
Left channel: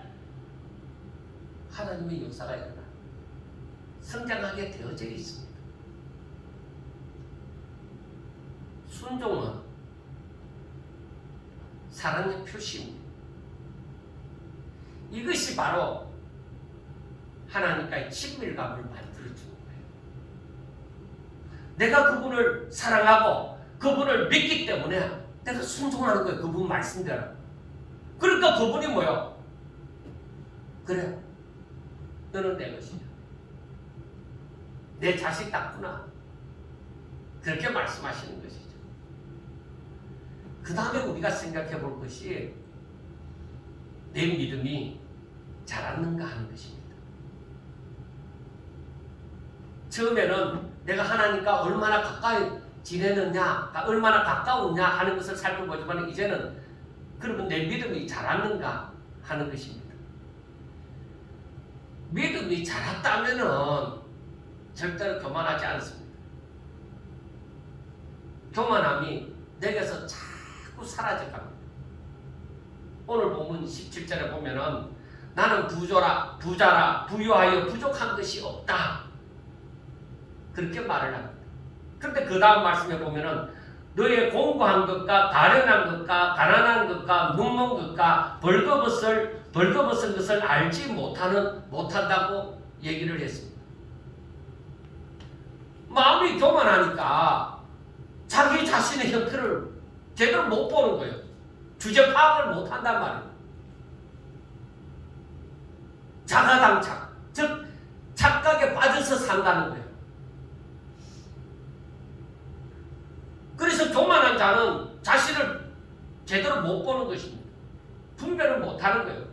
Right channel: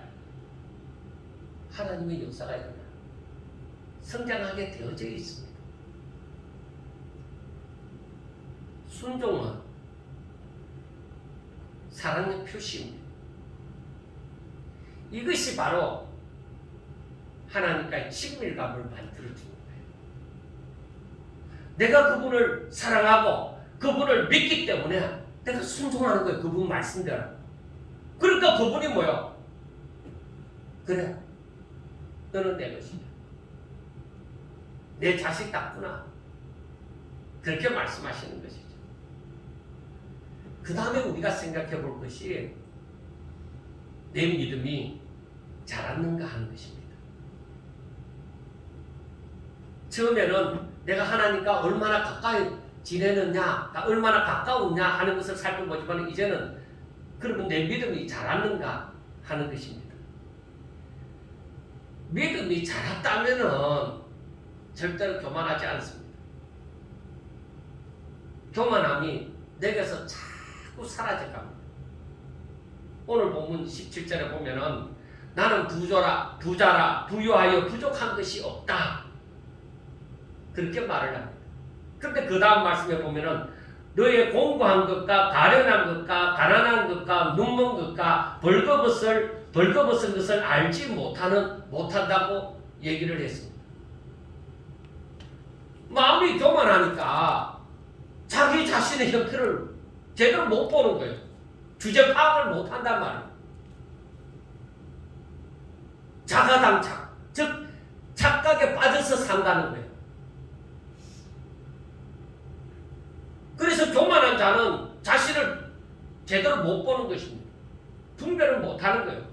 하나님의 역사가 일어나요. 성장하게 되어져 있습니다. 순종은 사랑의 표시입니다. 이것이 바로 하나님과의 친밀감을 만들어주는 거예요. 내가 그분을 사랑하고 그분을 믿기 때문에 내가 순종하는 거예요. 그분 말씀대로. 그러니까 그분이 뭐요? 그래, 너는 내 것이야. 내 자식 같구나. 그렇게 말씀하시는 것이죠. 그 다음에 우리가 생각해 볼 것이 내 믿음이 자랐는가 하는 것입니다. 처음에는 내가 하나님과 얼마나 가까이 지내느냐, 얼마나 가까웠냐 하는 것을 살펴보지만 이제는 그러면 내 믿음이 자랐는가 하는 것입니다. 믿음이 자랐다면은 절대로 교만하지 않습니다. 교만함이 내게서 자꾸 사라져갑니다. 오늘 본문 17절에 보면은 나는 부자라 부유하여 부족한 것이 없다. 그렇게 말을 합니다. 그런데 그 다음 말씀에 보면은 너의 공부한 것과 가련한 것과 가난한 것과 묵는 것과 벌거벗은 것을 알지 못한다고 얘기를 했습니다. 마음이 교만하니까 자기 자신의 형태를 제대로 못 보는 거예요. 주제 파악을 못한단 말이에요. 자가당착, 즉 착각에 빠져서 산다는 거예요. 그래서 교만한 자는 자신을 제대로 못 보는 것입니다. 분별을 못하는 거예요.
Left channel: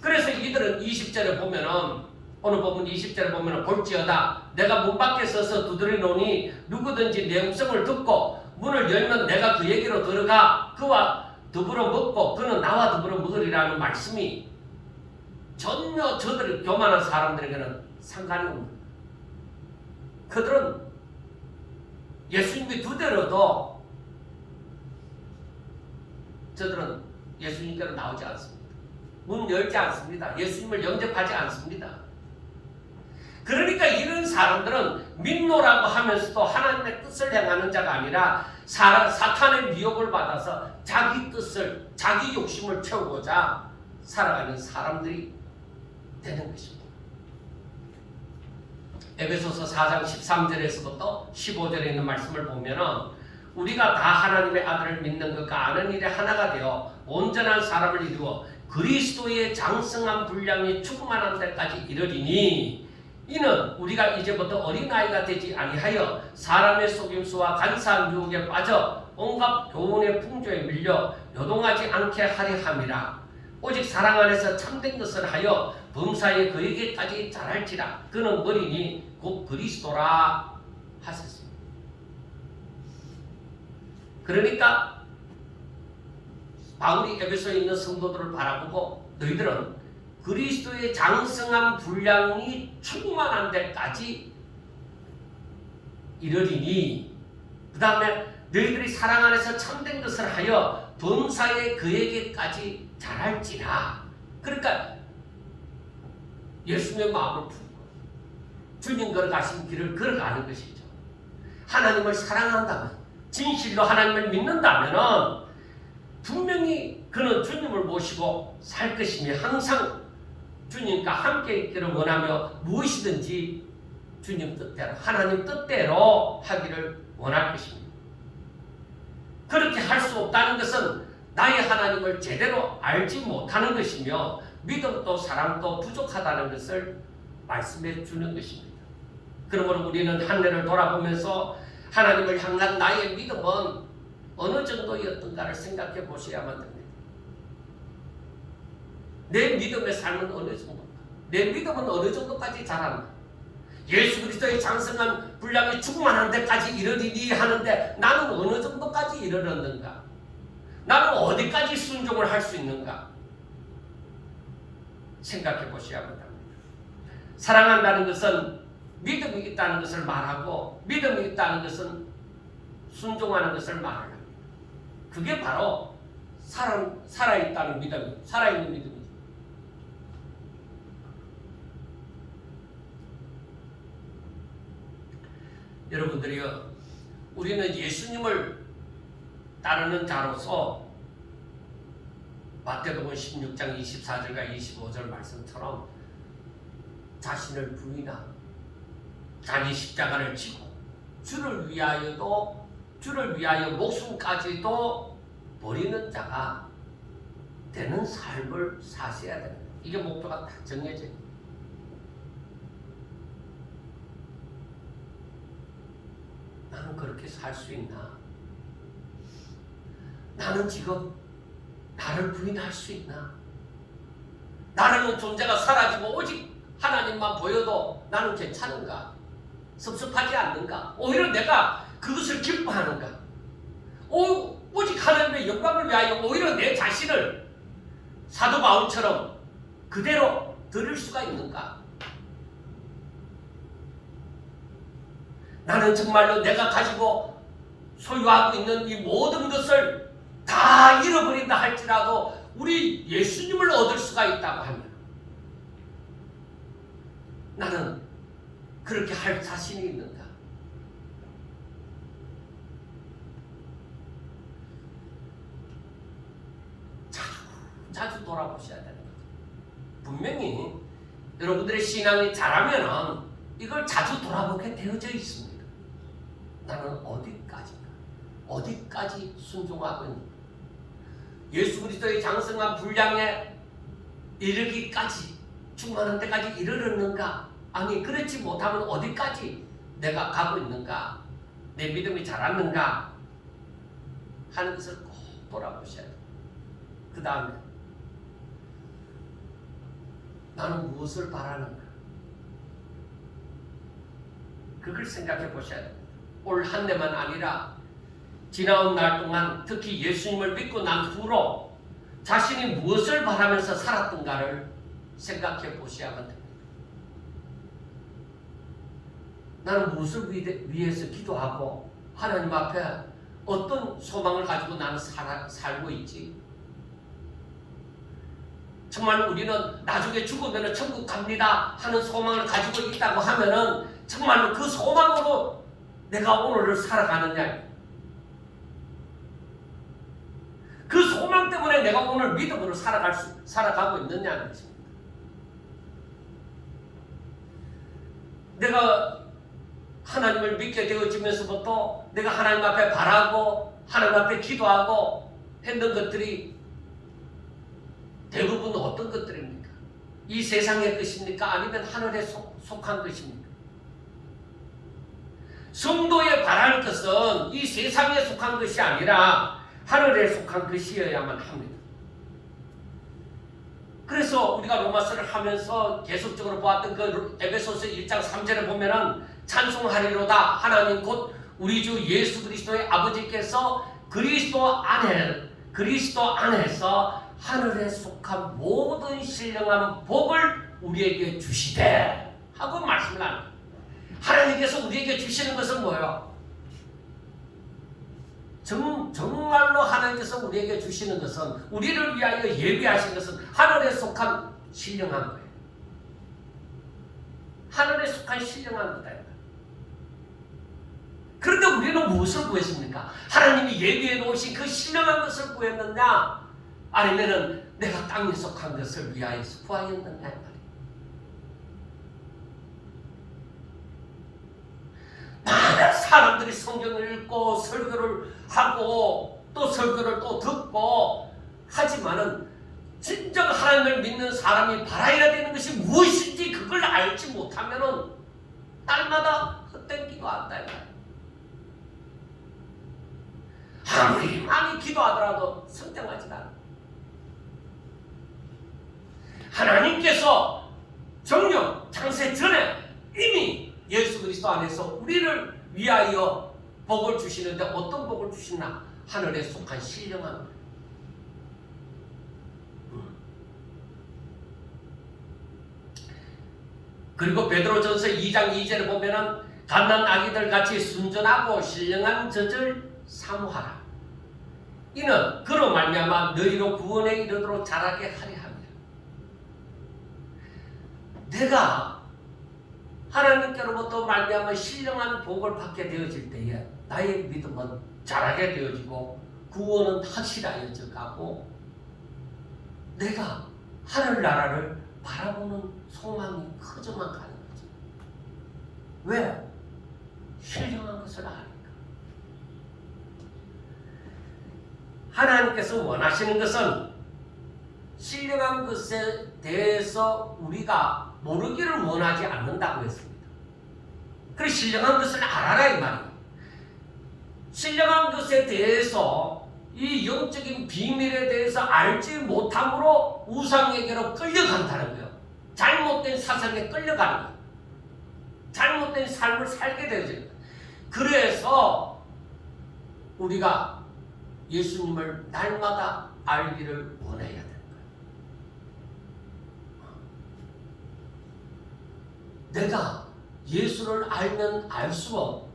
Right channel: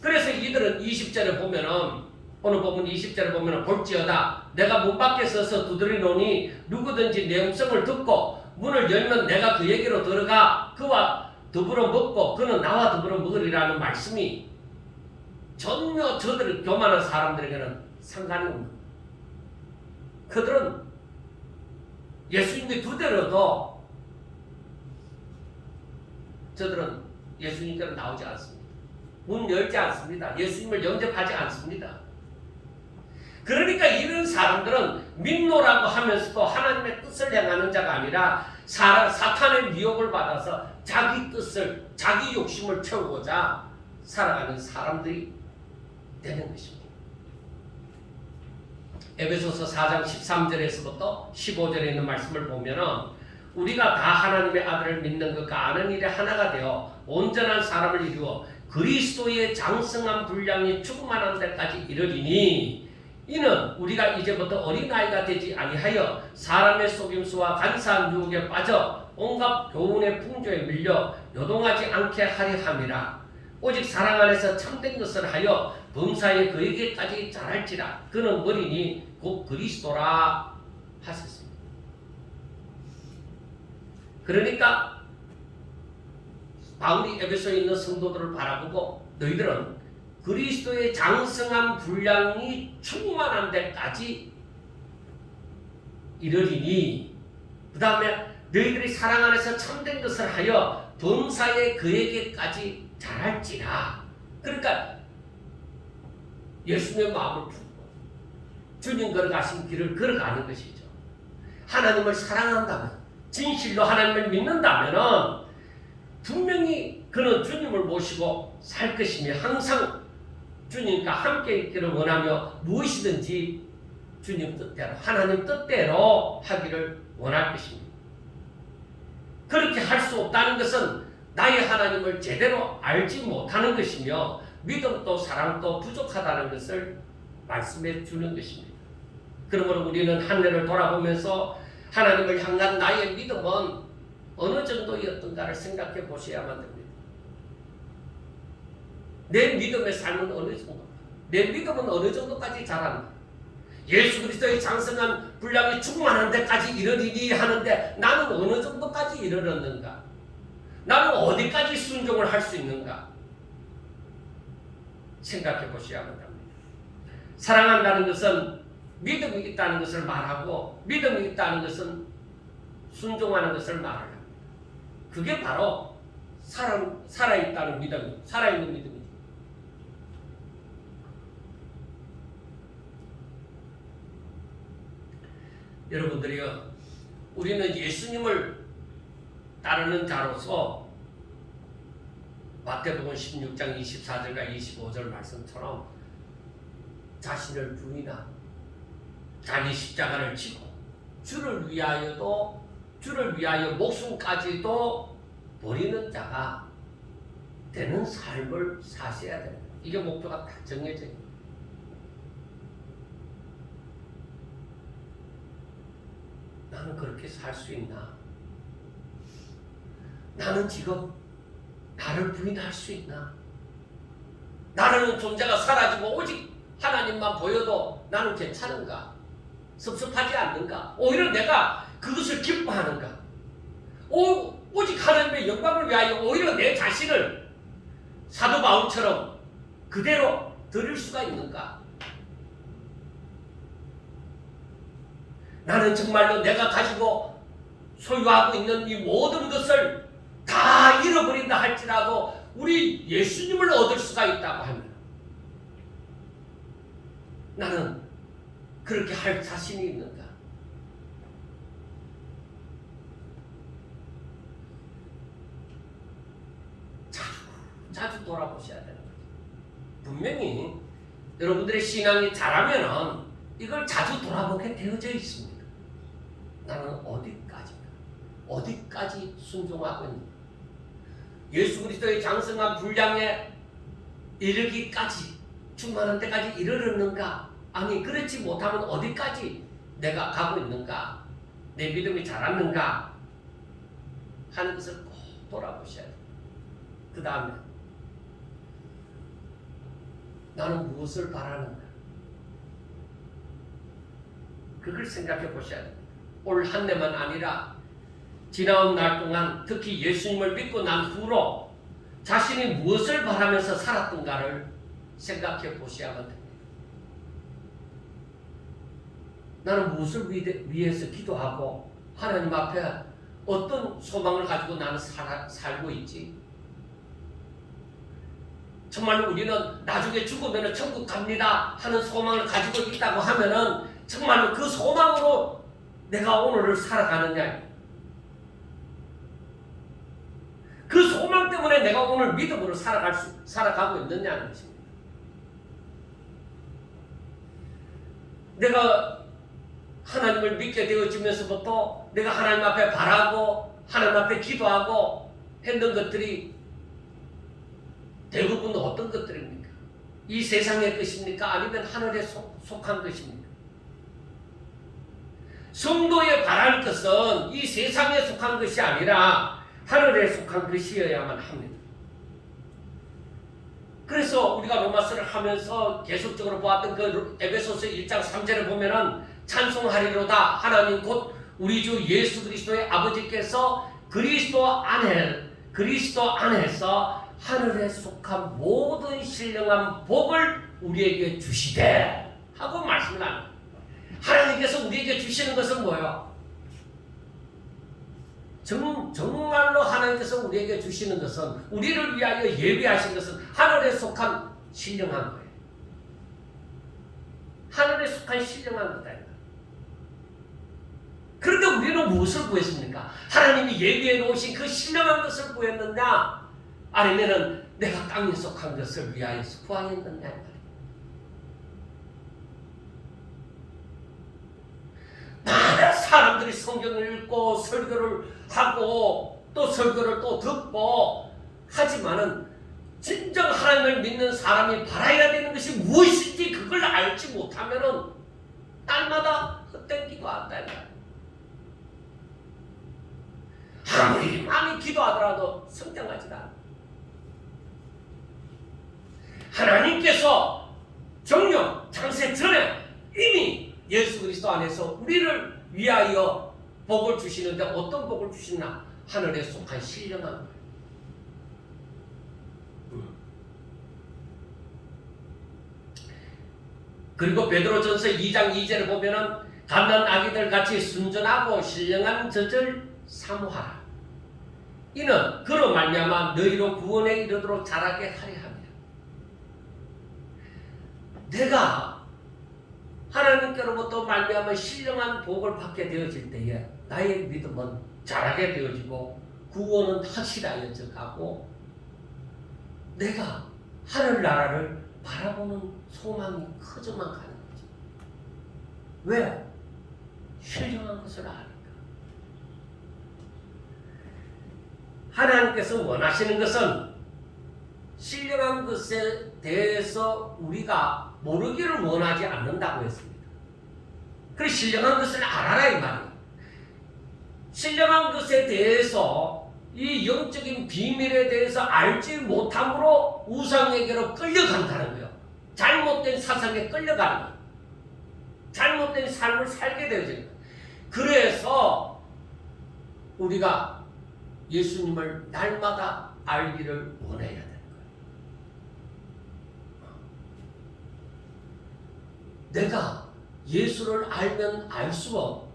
그래서 이들은 20절에 보면은 오늘 본문 20절에 보면은 볼지어다 내가 문 밖에 서서 두드리노니 누구든지 내 음성을 듣고 문을 열면 내가 그에게로 들어가 그와 더불어 먹고 그는 나와 더불어 먹으리라는 말씀이 전혀 저들 교만한 사람들에게는 상관이 없는 거예요. 그들은 예수님이 두드려도 저들은 예수님께로 나오지 않습니다. 문 열지 않습니다. 예수님을 영접하지 않습니다. 그러니까 이런 사람들은 믿노라고 하면서도 하나님의 뜻을 향하는 자가 아니라 사탄의 미혹을 받아서 자기 뜻을, 자기 욕심을 채우고자 살아가는 사람들이 되는 것입니다. 에베소서 4장 13절에서부터 15절에 있는 말씀을 보면은 우리가 다 하나님의 아들을 믿는 것과 아는 일에 하나가 되어 온전한 사람을 이루어 그리스도의 장성한 분량이 충만한 데까지 이르리니 이는 우리가 이제부터 어린아이가 되지 아니하여 사람의 속임수와 간사한 유혹에 빠져 온갖 교훈의 풍조에 밀려 요동하지 않게 하려 함이라. 오직 사랑 안에서 참된 것을 하여 범사에 그에게까지 자랄지라. 그는 어린이 곧 그리스도라 하셨습니다. 그러니까 바울이 에베소에 있는 성도들을 바라보고 너희들은 그리스도의 장성한 분량이 충만한 데까지 이르리니 그 다음에 너희들이 사랑 안에서 참된 것을 하여 범사에 그에게까지 자랄지라. 그러니까 예수님의 마음을 품고 주님 걸어가신 길을 걸어가는 것이죠. 하나님을 사랑한다면 진실로 하나님을 믿는다면 분명히 그는 주님을 모시고 살 것이며 항상 주님과 함께 있기를 원하며 무엇이든지 주님 뜻대로 하나님 뜻대로 하기를 원할 것입니다. 그렇게 할 수 없다는 것은 나의 하나님을 제대로 알지 못하는 것이며 믿음도 사랑도 부족하다는 것을 말씀해 주는 것입니다. 그러므로 우리는 한 해를 돌아보면서 하나님을 향한 나의 믿음은 어느 정도였던가를 생각해 보셔야만 됩니다. 내 믿음의 삶은 어느 정도? 내 믿음은 어느 정도까지 자란다? 예수 그리스도의 장성한 분량이 충만한 데까지 이르리니 하는데 나는 어느 정도까지 이르렀는가? 나는 어디까지 순종을 할 수 있는가? 생각해 보셔야만 합니다. 사랑한다는 것은 믿음이 있다는 것을 말하고 믿음이 있다는 것은 순종하는 것을 말합니다. 그게 바로 살아있다는 믿음, 살아있는 믿음이죠. 여러분들이요, 우리는 예수님을 따르는 자로서 마태복음 16장 24절과 25절 말씀처럼 자신을 부인하고 자기 십자가를 지고 주를 위하여 목숨까지도 버리는 자가 되는 삶을 사셔야 됩니다. 이게 목표가 딱 정해져 있습니다. 나는 그렇게 살 수 있나? 나는 지금 나를 부인할 수 있나? 나라는 존재가 사라지고 오직 하나님만 보여도 나는 괜찮은가? 섭섭하지 않는가? 오히려 내가 그것을 기뻐하는가? 오직 하나님의 영광을 위하여 오히려 내 자신을 사도 바울처럼 그대로 드릴 수가 있는가? 나는 정말로 내가 가지고 소유하고 있는 이 모든 것을 다 잃어버린다 할지라도 우리 예수님을 얻을 수가 있다고 합니다. 나는 그렇게 할 자신이 있는가? 자주 돌아보셔야 되는 거죠. 분명히 여러분들의 신앙이 자라면은 이걸 자주 돌아보게 되어져 있습니다. 나는 어디까지 순종하고 있는가? 예수 그리스도의 장성한 분량에 이르기까지 충만한 데까지 이르렀는가? 아니 그렇지 못하면 어디까지 내가 가고 있는가? 내 믿음이 자랐는가? 하는 것을 꼭 돌아보셔야 돼요. 그 다음에 나는 무엇을 바라는가? 그걸 생각해 보셔야 돼요. 올 한 해만 아니라 지나온 날 동안 특히 예수님을 믿고 난 후로 자신이 무엇을 바라면서 살았던가를 생각해 보셔야만 됩니다. 나는 무엇을 위해서 기도하고 하나님 앞에 어떤 소망을 가지고 나는 살고 있지? 정말 우리는 나중에 죽으면 천국 갑니다 하는 소망을 가지고 있다고 하면은 정말로 그 소망으로 내가 오늘을 살아가느냐? 그 소망 때문에 내가 오늘 믿음으로 살아가고 있느냐는 것입니다. 내가 하나님을 믿게 되어지면서부터 내가 하나님 앞에 바라고 하나님 앞에 기도하고 했던 것들이 대부분 어떤 것들입니까? 이 세상의 것입니까? 아니면 하늘에 속한 것입니까? 성도의 바랄 것은 이 세상에 속한 것이 아니라 하늘에 속한 것이어야만 합니다. 그래서 우리가 로마서를 하면서 계속적으로 보았던 그 에베소서 1장 3절을 보면은 찬송하리로다 하나님 곧 우리 주 예수 그리스도의 아버지께서 그리스도 안에서 하늘에 속한 모든 신령한 복을 우리에게 주시되 하고 말씀을 합니다. 하나님께서 우리에게 주시는 것은 뭐예요? 정말로 하나님께서 우리에게 주시는 것은 우리를 위하여 예비하신 것은 하늘에 속한 신령한 거예요. 하늘에 속한 신령한 거다. 그런데 우리는 무엇을 구했습니까? 하나님이 예비해 놓으신 그 신령한 것을 구했느냐? 아니면은 내가 땅에 속한 것을 위하여서 구하였느냐? 사람들이 성경을 읽고 설교를 하고 또 설교를 또 듣고 하지만은 진정 하나님을 믿는 사람이 바라야 되는 것이 무엇인지 그걸 알지 못하면은 땅마다 헛된 기도한다. 아무리 많이 기도하더라도 성장하지가 않아. 하나님께서 정령 창세 전에 이미 예수 그리스도 안에서 우리를 위하여 복을 주시는데 어떤 복을 주시나? 하늘에 속한 신령한 것. 그리고 베드로전서 2장 2절을 보면은 갓난 아기들 같이 순전하고 신령한 젖을 사모하라. 이는 그로 말미암아 너희로 구원에 이르도록 자라게 하려 함이라. 내가 하나님께로부터 말미암아 신령한 복을 받게 되어질 때에 나의 믿음은 자라게 되어지고 구원은 확실하여져 가고 내가 하늘나라를 바라보는 소망이 커져만 가는 거지. 왜? 신령한 것을 아니까. 하나님께서 원하시는 것은 신령한 것에 대해서 우리가 모르기를 원하지 않는다고 했습니다. 그래서 신령한 것을 알아라 이 말이에요. 신령한 것에 대해서 이 영적인 비밀에 대해서 알지 못함으로 우상에게로 끌려간다는 거예요. 잘못된 사상에 끌려가는 거예요. 잘못된 삶을 살게 되어지는 거예요. 그래서 우리가 예수님을 날마다 알기를 원해야 돼요. 내가 예수를 알면 알수록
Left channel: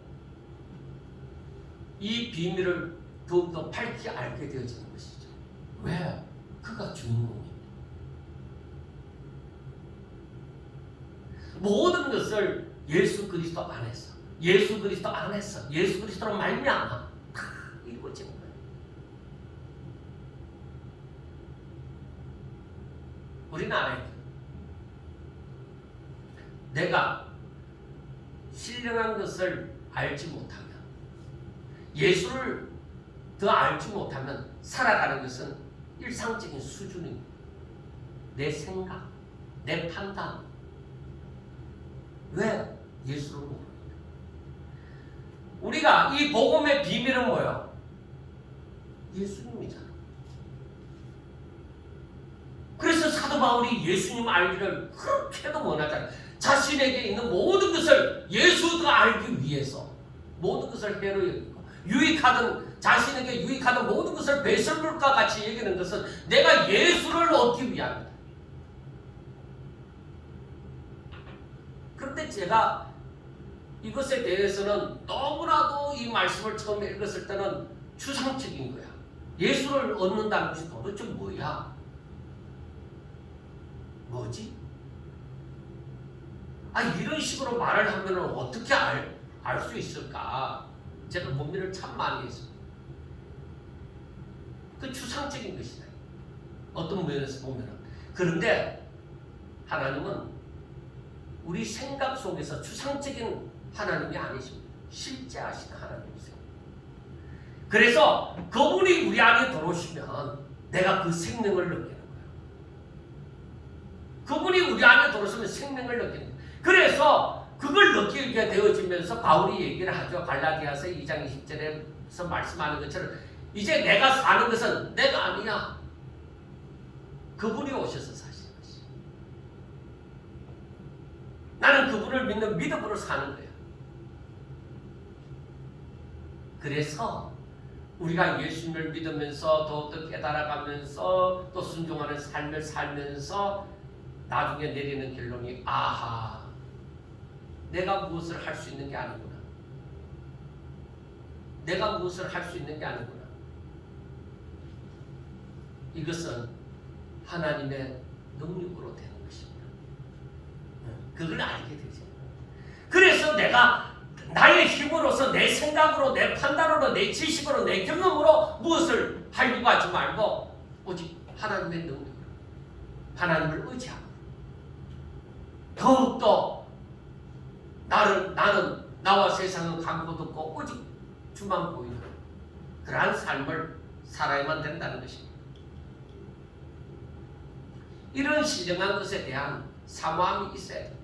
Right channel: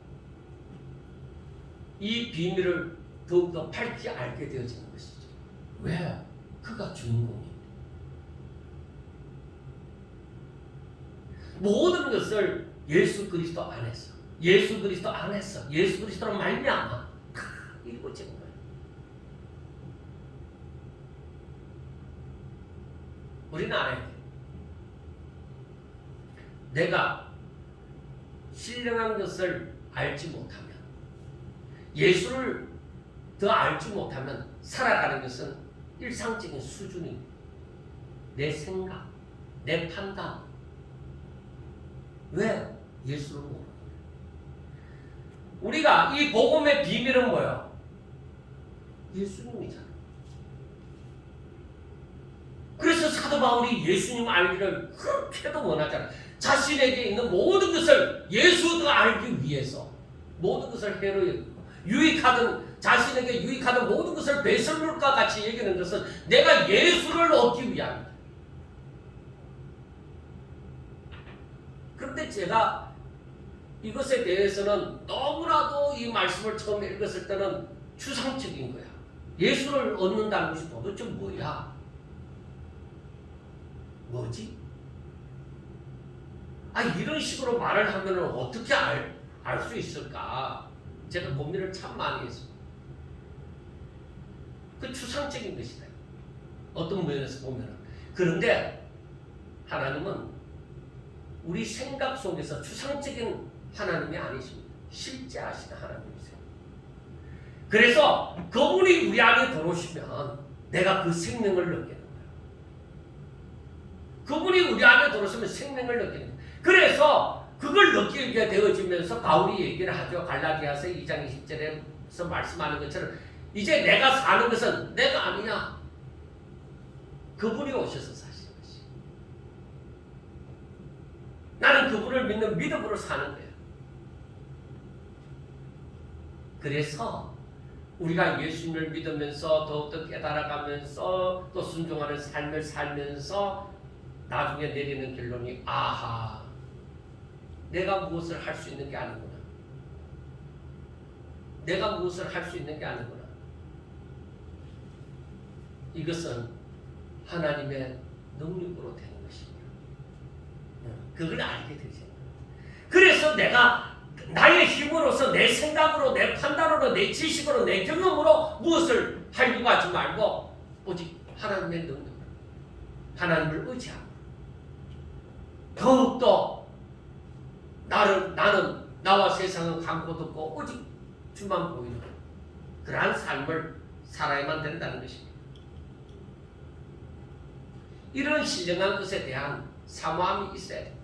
이 비밀을 더욱더 밝게 알게 되어지는 것이죠. 왜? 그가 주인공입니다. 모든 것을 예수 그리스도 안에서, 예수 그리스도 안에서, 예수 그리스도로 말미암아 다 이루어진 거예요. 우리는 알아야 돼요. 내가 신령한 것을 알지 못하면, 예수를 더 알지 못하면 살아가는 것은 일상적인 수준입니다. 내 생각, 내 판단. 왜? 예수를 모르는 거예요. 우리가 이 복음의 비밀은 뭐예요? 예수님이잖아. 그래서 사도 바울이 예수님 알기를 그렇게도 원하잖아요. 자신에게 있는 모든 것을 예수가 알기 위해서 모든 것을 해로 여기고, 유익하든 자신에게 유익하든 모든 것을 배설물과 같이 여기는 것은 내가 예수를 얻기 위함이다. 그런데 제가 이것에 대해서는 너무나도 이 말씀을 처음에 읽었을 때는 추상적인 거야. 예수를 얻는다는 것이 도대체 뭐야? 뭐지? 이런 식으로 말을 하면 어떻게 알 수 있을까? 제가 고민을 참 많이 했습니다. 그 추상적인 것이다. 어떤 면에서 보면. 그런데 하나님은 우리 생각 속에서 추상적인 하나님이 아니십니다. 실제하시는 하나님이세요. 그래서 그분이 우리 안에 들어오시면 내가 그 생명을 느끼는 거예요. 그분이 우리 안에 들어오시면 생명을 느끼는 거예요. 그래서 그걸 느끼게 되어지면서 바울이 얘기를 하죠. 갈라디아서 2장 20절에서 말씀하는 것처럼 이제 내가 사는 것은 내가 아니야. 그분이 오셔서 사시는 것이. 나는 그분을 믿는 믿음으로 사는 거예요. 그래서 우리가 예수님을 믿으면서 더욱더 깨달아가면서 또 순종하는 삶을 살면서 나중에 내리는 결론이 아하, 내가 무엇을 할 수 있는 게 아니구나. 내가 무엇을 할 수 있는 게 아니구나. 이것은 하나님의 능력으로 되는 것입니다. 그걸 알게 되죠. 그래서 내가 나의 힘으로서, 내 생각으로, 내 판단으로, 내 지식으로, 내 경험으로 무엇을 하려고 하지 말고 오직 하나님의 능력, 하나님을 의지하고 더욱더 나는 나와 세상은 강고 듣고 오직 주만 보이는 그러한 삶을 살아야만 된다는 것입니다. 이런 신령한 것에 대한 사모함이 있어야 됩니다.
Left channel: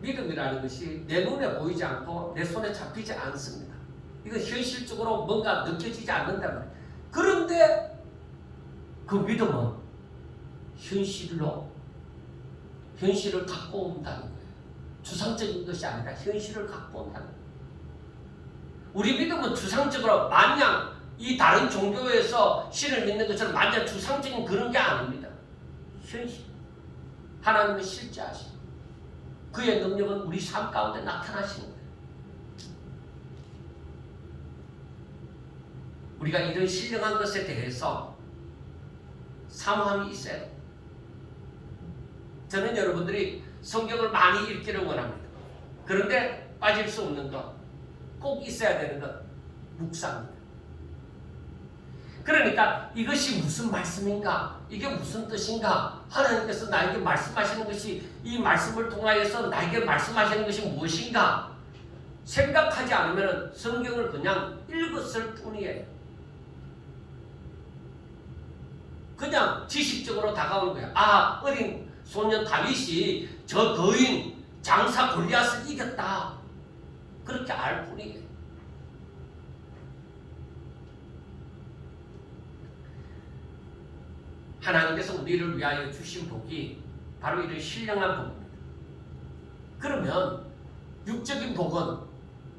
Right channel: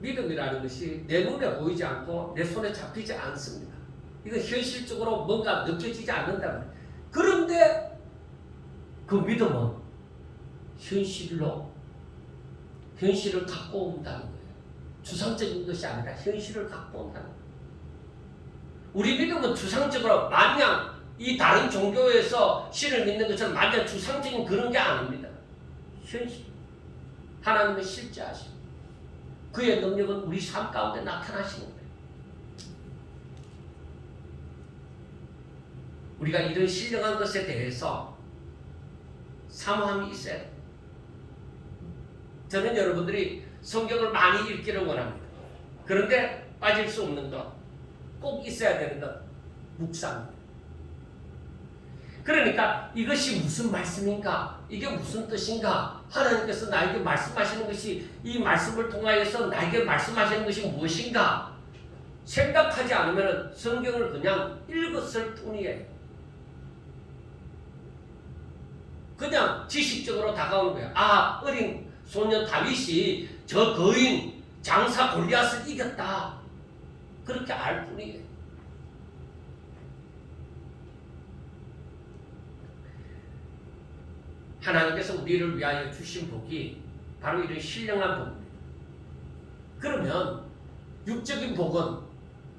믿음이라는 것이 내 눈에 보이지 않고 내 손에 잡히지 않습니다. 이건 현실적으로 뭔가 느껴지지 않는다는 거예요. 그런데 그 믿음은 현실을 갖고 온다는 거예요. 추상적인 것이 아니라 현실을 갖고 온다는 거예요. 우리 믿음은 추상적으로 마냥 이 다른 종교에서 신을 믿는 것처럼 마냥 추상적인 그런 게 아닙니다. 현실. 하나님은 실제하시고 그의 능력은 우리 삶 가운데 나타나시는 거예요. 우리가 이런 신령한 것에 대해서 사모함이 있어야 돼요. 저는 여러분들이 성경을 많이 읽기를 원합니다. 그런데 빠질 수 없는 것, 꼭 있어야 되는 것, 묵상입니다. 그러니까 이것이 무슨 말씀인가? 이게 무슨 뜻인가? 하나님께서 나에게 말씀하시는 것이, 이 말씀을 통하여서 나에게 말씀하시는 것이 무엇인가? 생각하지 않으면 성경을 그냥 읽었을 뿐이에요. 그냥 지식적으로 다가오는 거예요. 어린 소년 다윗이 저 거인 장사 골리앗을 이겼다. 그렇게 알 뿐이에요. 하나님께서 우리를 위하여 주신 복이 바로 이런 신령한 복입니다. 그러면 육적인 복은,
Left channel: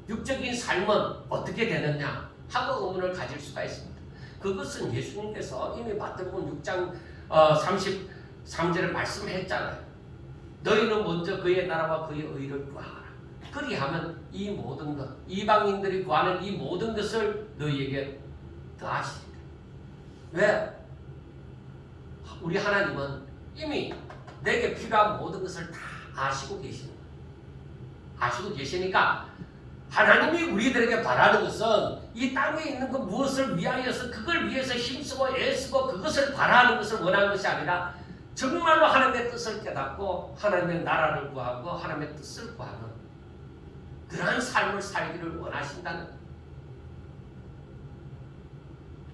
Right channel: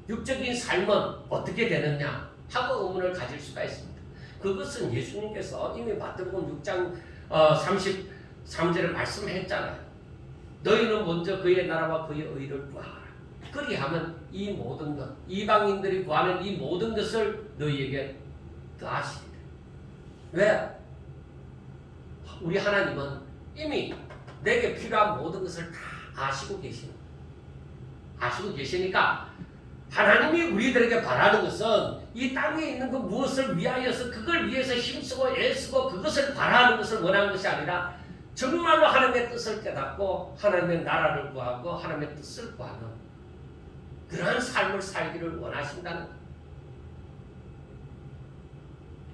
육적인 삶은 어떻게 되느냐 하고 의문을 가질 수가 있습니다. 그것은 예수님께서 이미 마태복음 6장 33절에 말씀했잖아요. 너희는 먼저 그의 나라와 그의 의를 구하라. 그리하면 이 모든 것, 이방인들이 구하는 이 모든 것을 너희에게 더하시리라. 왜? 우리 하나님은 이미 내게 필요한 모든 것을 다 아시고 계십니다. 아시고 계시니까 하나님이 우리들에게 바라는 것은 이 땅에 있는 그 무엇을 위하여서 그걸 위해서 힘쓰고 애쓰고 그것을 바라는 것을 원하는 것이 아니라 정말로 하나님의 뜻을 깨닫고 하나님의 나라를 구하고 하나님의 뜻을 구하는 그러한 삶을 살기를 원하신다는 것.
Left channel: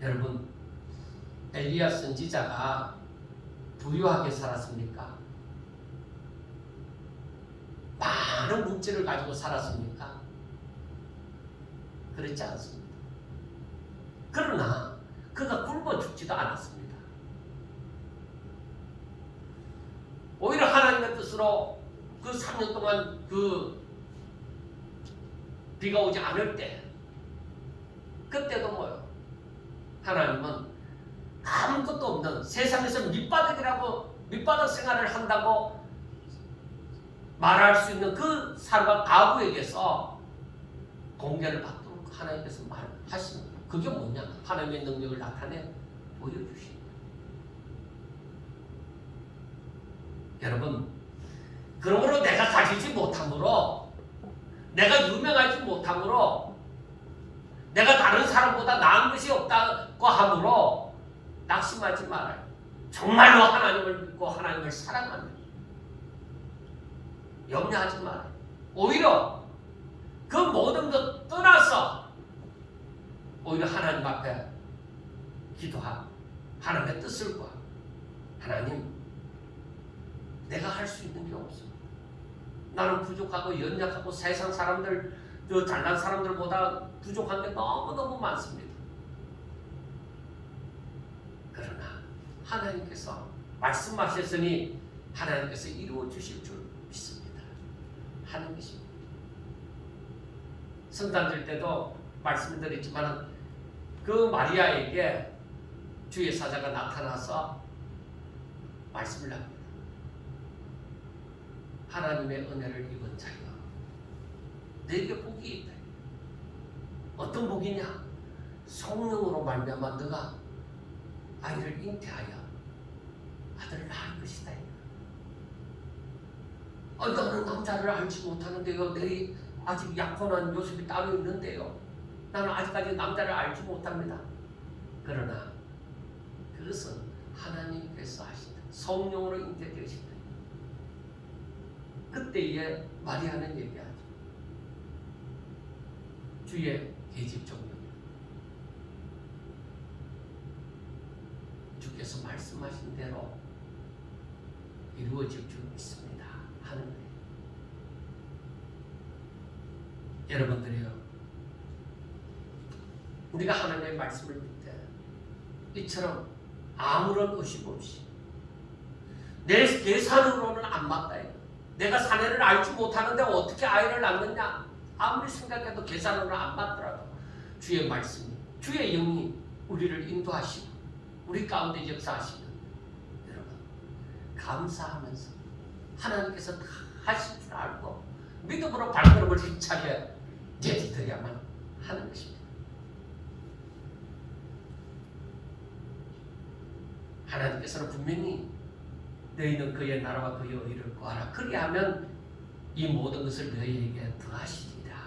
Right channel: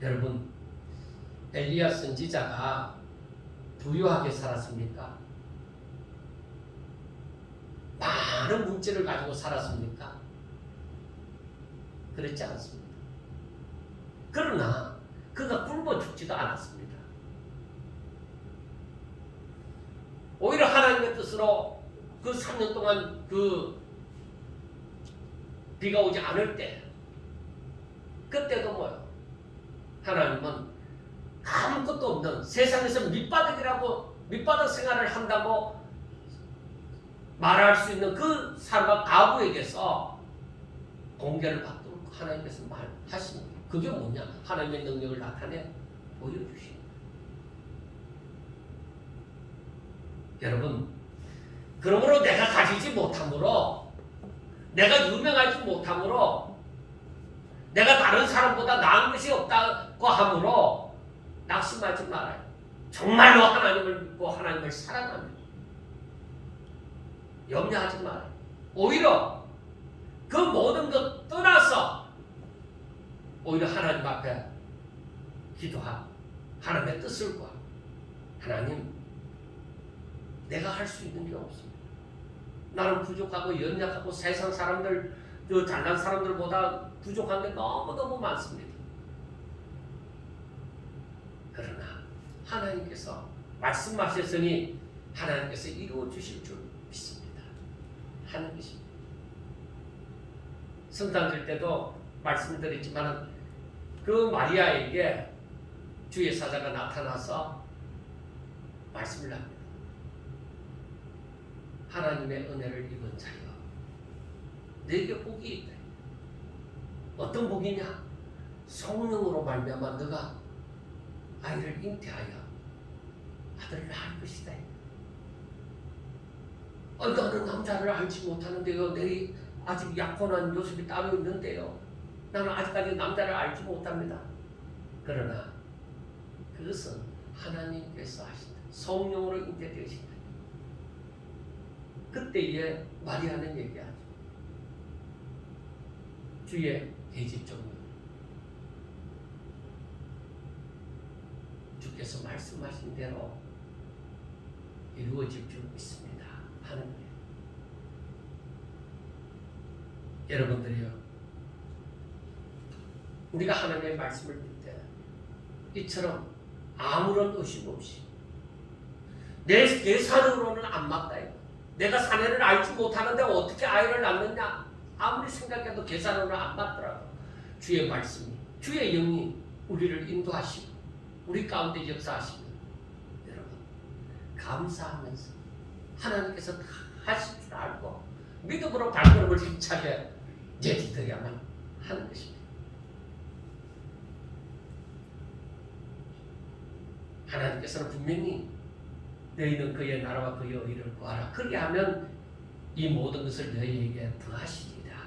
여러분, 엘리야 선지자가 부유하게 살았습니까? 많은 물질을 가지고 살았습니까? 그렇지 않습니다. 그러나 그가 굶어 죽지도 않았습니다. 오히려 하나님의 뜻으로 그 3년 동안 그 비가 오지 않을 때 그때도 뭐요? 하나님은 아무것도 없는 세상에서 밑바닥 생활을 한다고 말할 수 있는 그 사람과 가부에게서 공개를 받도록 하나님께서 말하십니다. 그게 뭐냐? 하나님의 능력을 나타내 보여주십니다. 여러분, 그러므로 내가 가지지 못함으로, 내가 유명하지 못함으로, 내가 다른 사람보다 나은 것이 없다고 함으로 낙심하지 말아요. 정말로 하나님을 믿고 하나님을 사랑합니다. 염려하지 말아요. 오히려 그 모든 것 떠나서 오히려 하나님 앞에 기도하고 하나님의 뜻을 구하고 하나님, 내가 할 수 있는 게 없습니다. 나는 부족하고 연약하고 세상 사람들, 그 잘난 사람들보다 부족한 게 너무너무 많습니다. 그러나 하나님께서 말씀하셨으니 하나님께서 이루어 주실 줄 믿습니다. 하는 것입니다. 성탄절 때도 말씀드렸지만 그 마리아에게 주의 사자가 나타나서 말씀을 합니다. 하나님의 은혜를 입은 자여, 내게 복이 있다. 어떤 복이냐? 성령으로 말미암아 너가 아이를 잉태하여 아들을 낳을 것이다. 나는 남자를 알지 못하는데요. 내 아직 약혼한 모습이 따로 있는데요. 나는 아직까지 남자를 알지 못합니다. 그러나 그것은 하나님께서 하신다. 성령으로 잉태되신다. 그때에 마리아는 얘기하죠. 주의 계집종은 주께서 말씀하신 대로 이루어질 줄 믿습니다. 하는 거예요. 여러분들이요, 우리가 하나님의 말씀을 믿을 때 이처럼 아무런 의심 없이 내 사는으로는 안 맞다. 내가 사내를 알지 못하는데 어떻게 아이를 낳느냐? 아무리 생각해도 계산으로 안 맞더라도 주의 말씀이, 주의 영이 우리를 인도하시고 우리 가운데 역사하시는 여러분, 감사하면서 하나님께서 다 하실 줄 알고 믿음으로 발걸음을 힘차게 내딛어야만 하는 것입니다. 하나님께서는 분명히 너희는 그의 나라와 그의 의를 구하라. 그리하면 이 모든 것을 너희에게 더하시리라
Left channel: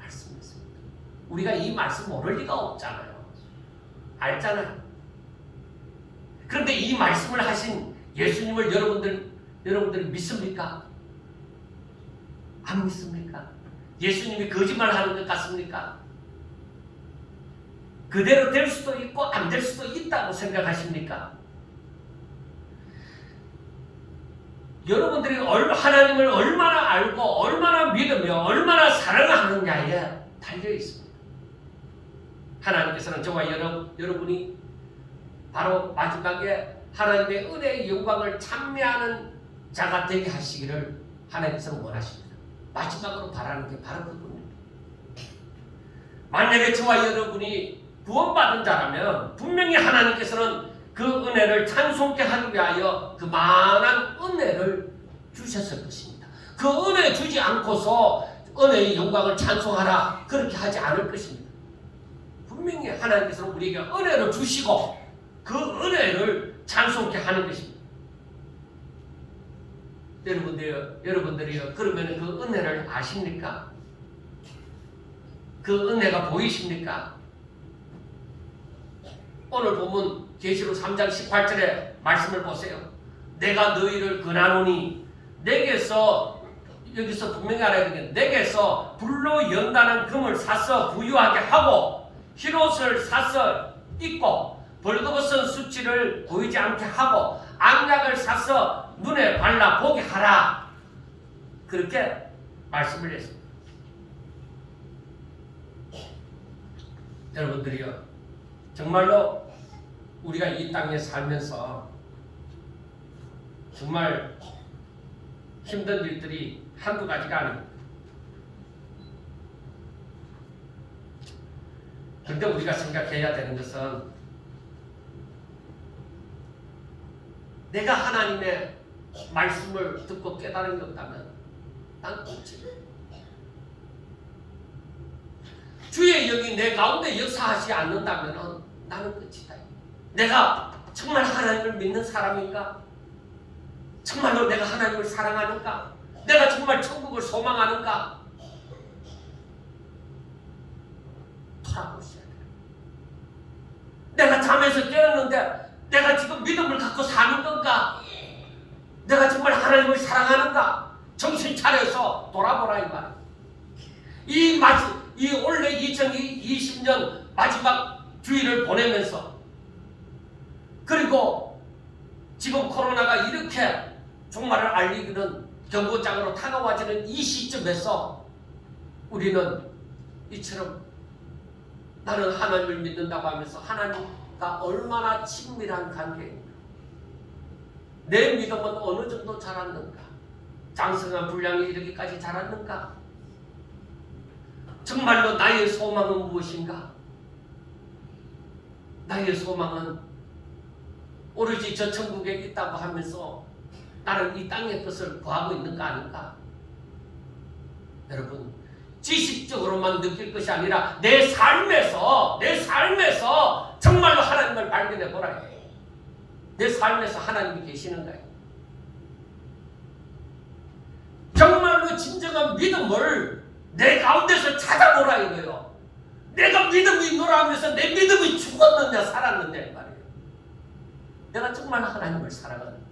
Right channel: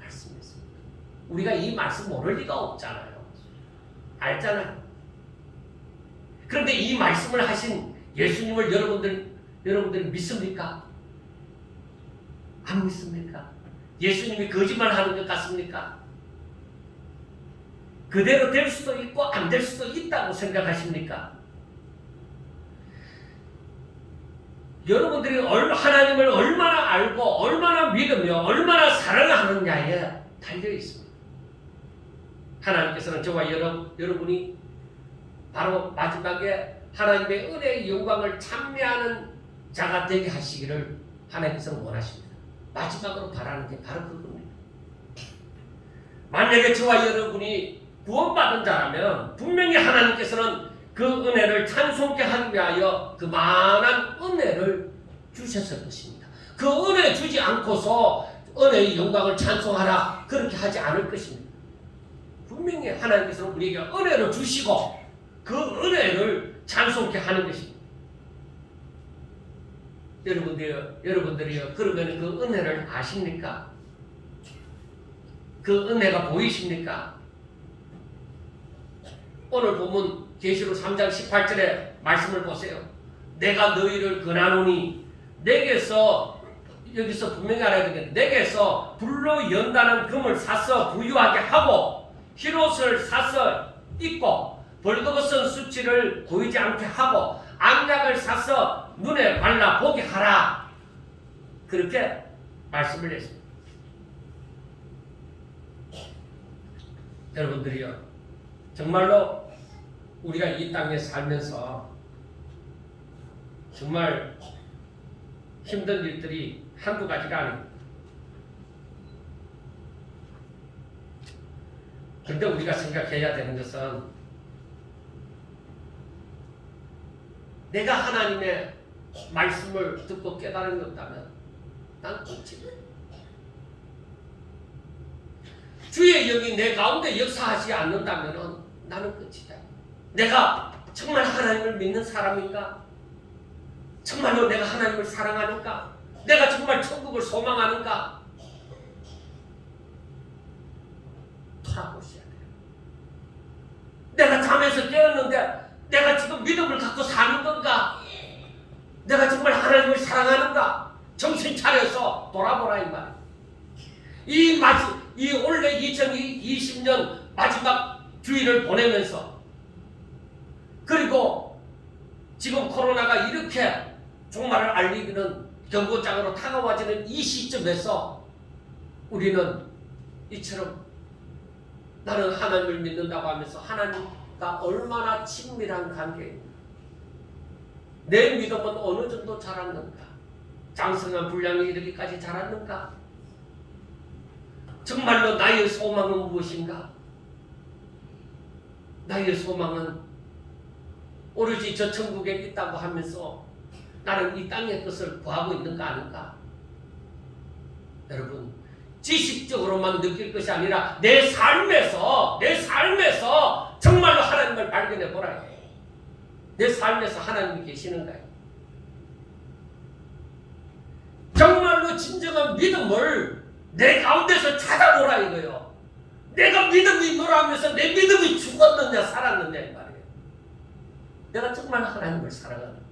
말씀했습니다. 우리가 이 말씀 모를 리가 없잖아요. 알잖아요. 그런데 이 말씀을 하신 예수님을 여러분들 믿습니까? 안 믿습니까? 예수님이 거짓말하는 것 같습니까? 그대로 될 수도 있고 안 될 수도 있다고 생각하십니까? 여러분들이 하나님을 얼마나 알고 얼마나 믿으며 얼마나 사랑하느냐에 달려 있습니다. 하나님께서는 저와 여러분이 바로 마지막에 하나님의 은혜의 영광을 찬미하는 자가 되게 하시기를 하나님께서는 원하십니다. 마지막으로 바라는 게 바로 그겁니다. 만약에 저와 여러분이 구원받은 자라면 분명히 하나님께서는 그 은혜를 찬송케 하기 위하여 그 많은 은혜를 주셨을 것입니다. 그 은혜 주지 않고서 은혜의 영광을 찬송하라 그렇게 하지 않을 것입니다. 분명히 하나님께서 우리에게 은혜를 주시고 그 은혜를 찬송케 하는 것입니다. 여러분들이요. 그러면 그 은혜를 아십니까? 그 은혜가 보이십니까? 오늘 보면 계시록 3장 18절에 말씀을 보세요. 내가 너희를 권하노니 내게서 여기서 분명히 알아야 되겠네. 내게서 불로 연단한 금을 사서 부유하게 하고 흰옷을 사서 입고 벌거벗은 수치를 보이지 않게 하고 안약을 사서 눈에 발라 보게 하라. 그렇게 말씀을 했습니다. 여러분들이요, 정말로 우리가 이 땅에 살면서 정말 힘든 일들이 한두 가지가 아닙니다. 그런데 우리가 생각해야 되는 것은 내가 하나님의 말씀을 듣고 깨달은 것 없다면 난 끝이다. 주의 영이 내 가운데 역사하지 않는다면 나는 끝이다. 내가 정말 하나님을 믿는 사람인가? 정말로 내가 하나님을 사랑하는가? 내가 정말 천국을 소망하는가? 돌아보셔야 돼요. 내가 잠에서 깨었는데 내가 지금 믿음을 갖고 사는 건가? 내가 정말 하나님을 사랑하는가? 정신 차려서 돌아보라 이 말. 이 올해 2020년 마지막 주일을 보내면서 그리고 지금 코로나가 이렇게 종말을 알리는 경고장으로 다가와지는 이 시점에서 우리는 이처럼 나는 하나님을 믿는다고 하면서 하나님과 얼마나 친밀한 관계인가, 내 믿음은 어느 정도 자랐는가, 장성한 분량에 이르기까지 자랐는가, 정말로 나의 소망은 무엇인가? 나의 소망은 오로지 저 천국에 있다고 하면서 나는 이 땅의 것을 구하고 있는가 아닌가? 여러분, 지식적으로만 느낄 것이 아니라 내 삶에서 정말로 하나님을 발견해 보라. 내 삶에서 하나님이 계시는가요? 정말로 진정한 믿음을 내 가운데서 찾아보라 이거예요. 내가 믿음이 있노라 하면서 내 믿음이 죽었느냐 살았느냐 이 말이에요. 내가 정말 하나님을 사랑하는.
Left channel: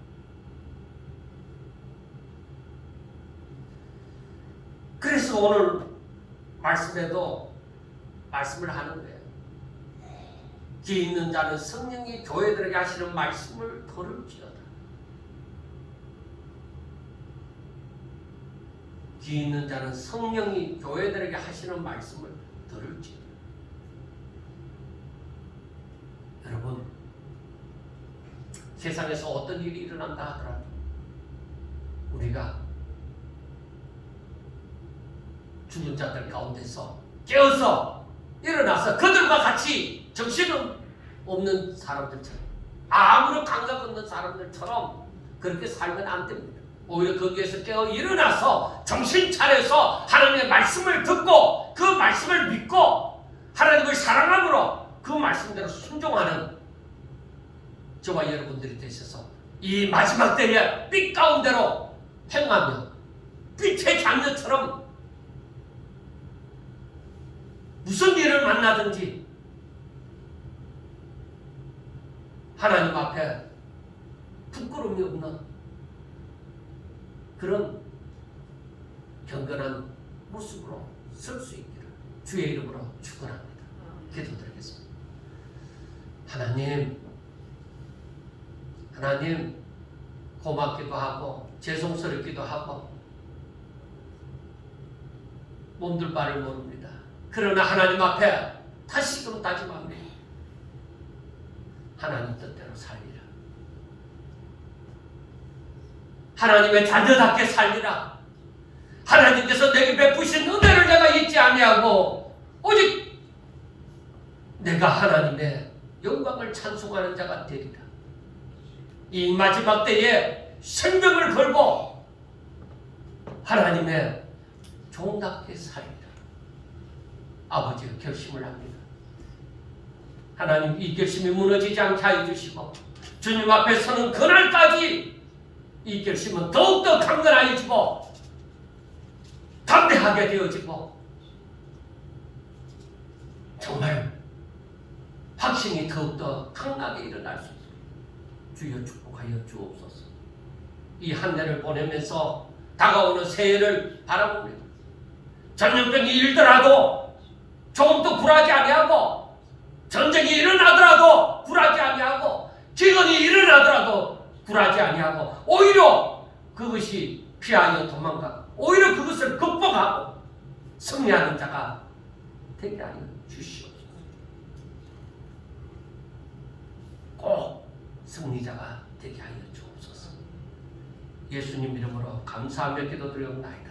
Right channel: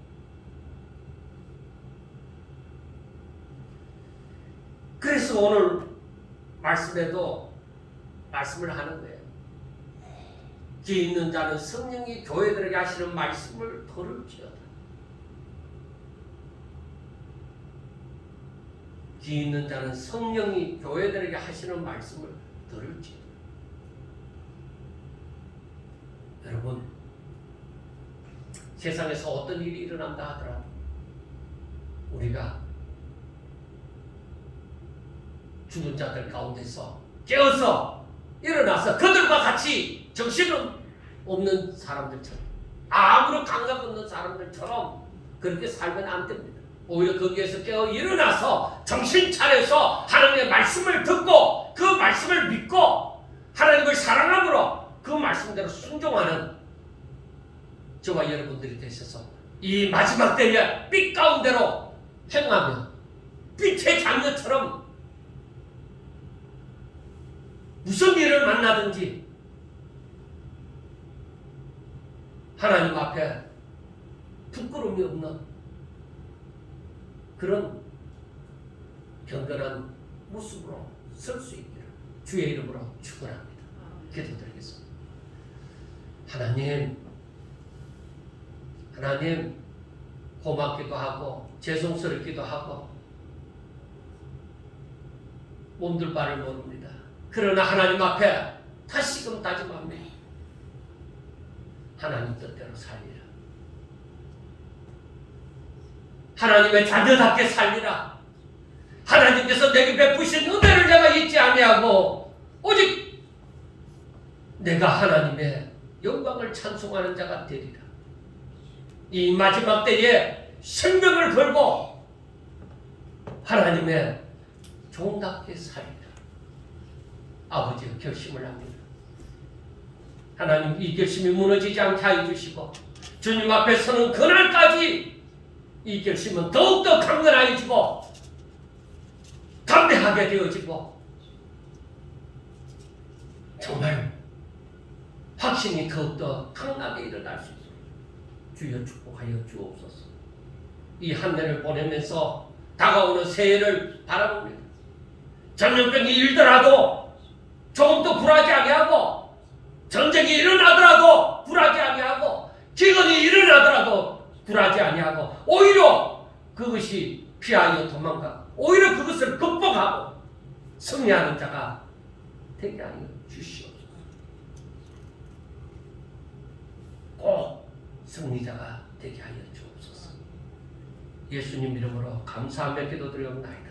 그래서 오늘 말씀에도 말씀을 하는 거예요. 귀 있는 자는 성령이 교회들에게 하시는 말씀을 들을지어다. 귀 있는 자는 성령이 교회들에게 하시는 말씀을 들을지어다. 여러분, 세상에서 어떤 일이 일어난다 하더라도 우리가 죽은 자들 가운데서 깨어서 일어나서 그들과 같이 정신은 없는 사람들처럼, 아무런 감각 없는 사람들처럼 그렇게 살면 안 됩니다. 오히려 거기에서 깨어 일어나서 정신 차려서 하나님의 말씀을 듣고 그 말씀을 믿고 하나님을 사랑함으로 그 말씀대로 순종하는 저와 여러분들이 되셔서 이 마지막 때에 빛 가운데로 행하며 빛의 장녀처럼 무슨 일을 만나든지 하나님 앞에 부끄러움이 없는 그런 경건한 모습으로 설 수 있기를 주의 이름으로 축원합니다. 기도드리겠습니다. 하나님 고맙기도 하고 죄송스럽기도 하고 몸둘 바를 모릅니다. 그러나 하나님 앞에 다시금 다짐합니다. 하나님 뜻대로 살리라. 하나님의 자녀답게 살리라. 하나님께서 내게 베푸신 은혜를 내가 잊지 아니하고 오직 내가 하나님의 영광을 찬송하는 자가 되리라. 이 마지막 때에 생명을 걸고 하나님의 종답게 살리라. 아버지의 결심을 합니다. 하나님, 이 결심이 무너지지 않게 하여 주시고 주님 앞에 서는 그날까지 이 결심은 더욱더 강건해지고 담대하게 되어지고 정말 확신이 더욱더 강하게 일어날 수 있습니다. 주여 축복하여 주옵소서. 이 한 해를 보내면서 다가오는 새해를 바라봅니다. 전염병이 일더라도 조금도 굴하지 아니하고, 전쟁이 일어나더라도 굴하지 아니하고, 기근이 일어나더라도 굴하지 아니하고, 오히려 그것이 피하여 도망가, 오히려 그것을 극복하고 승리하는 자가 되게 하여 주시옵소서. 꼭 승리자가 되게 하여 주옵소서. 예수님 이름으로 감사하며 기도드리옵나이다.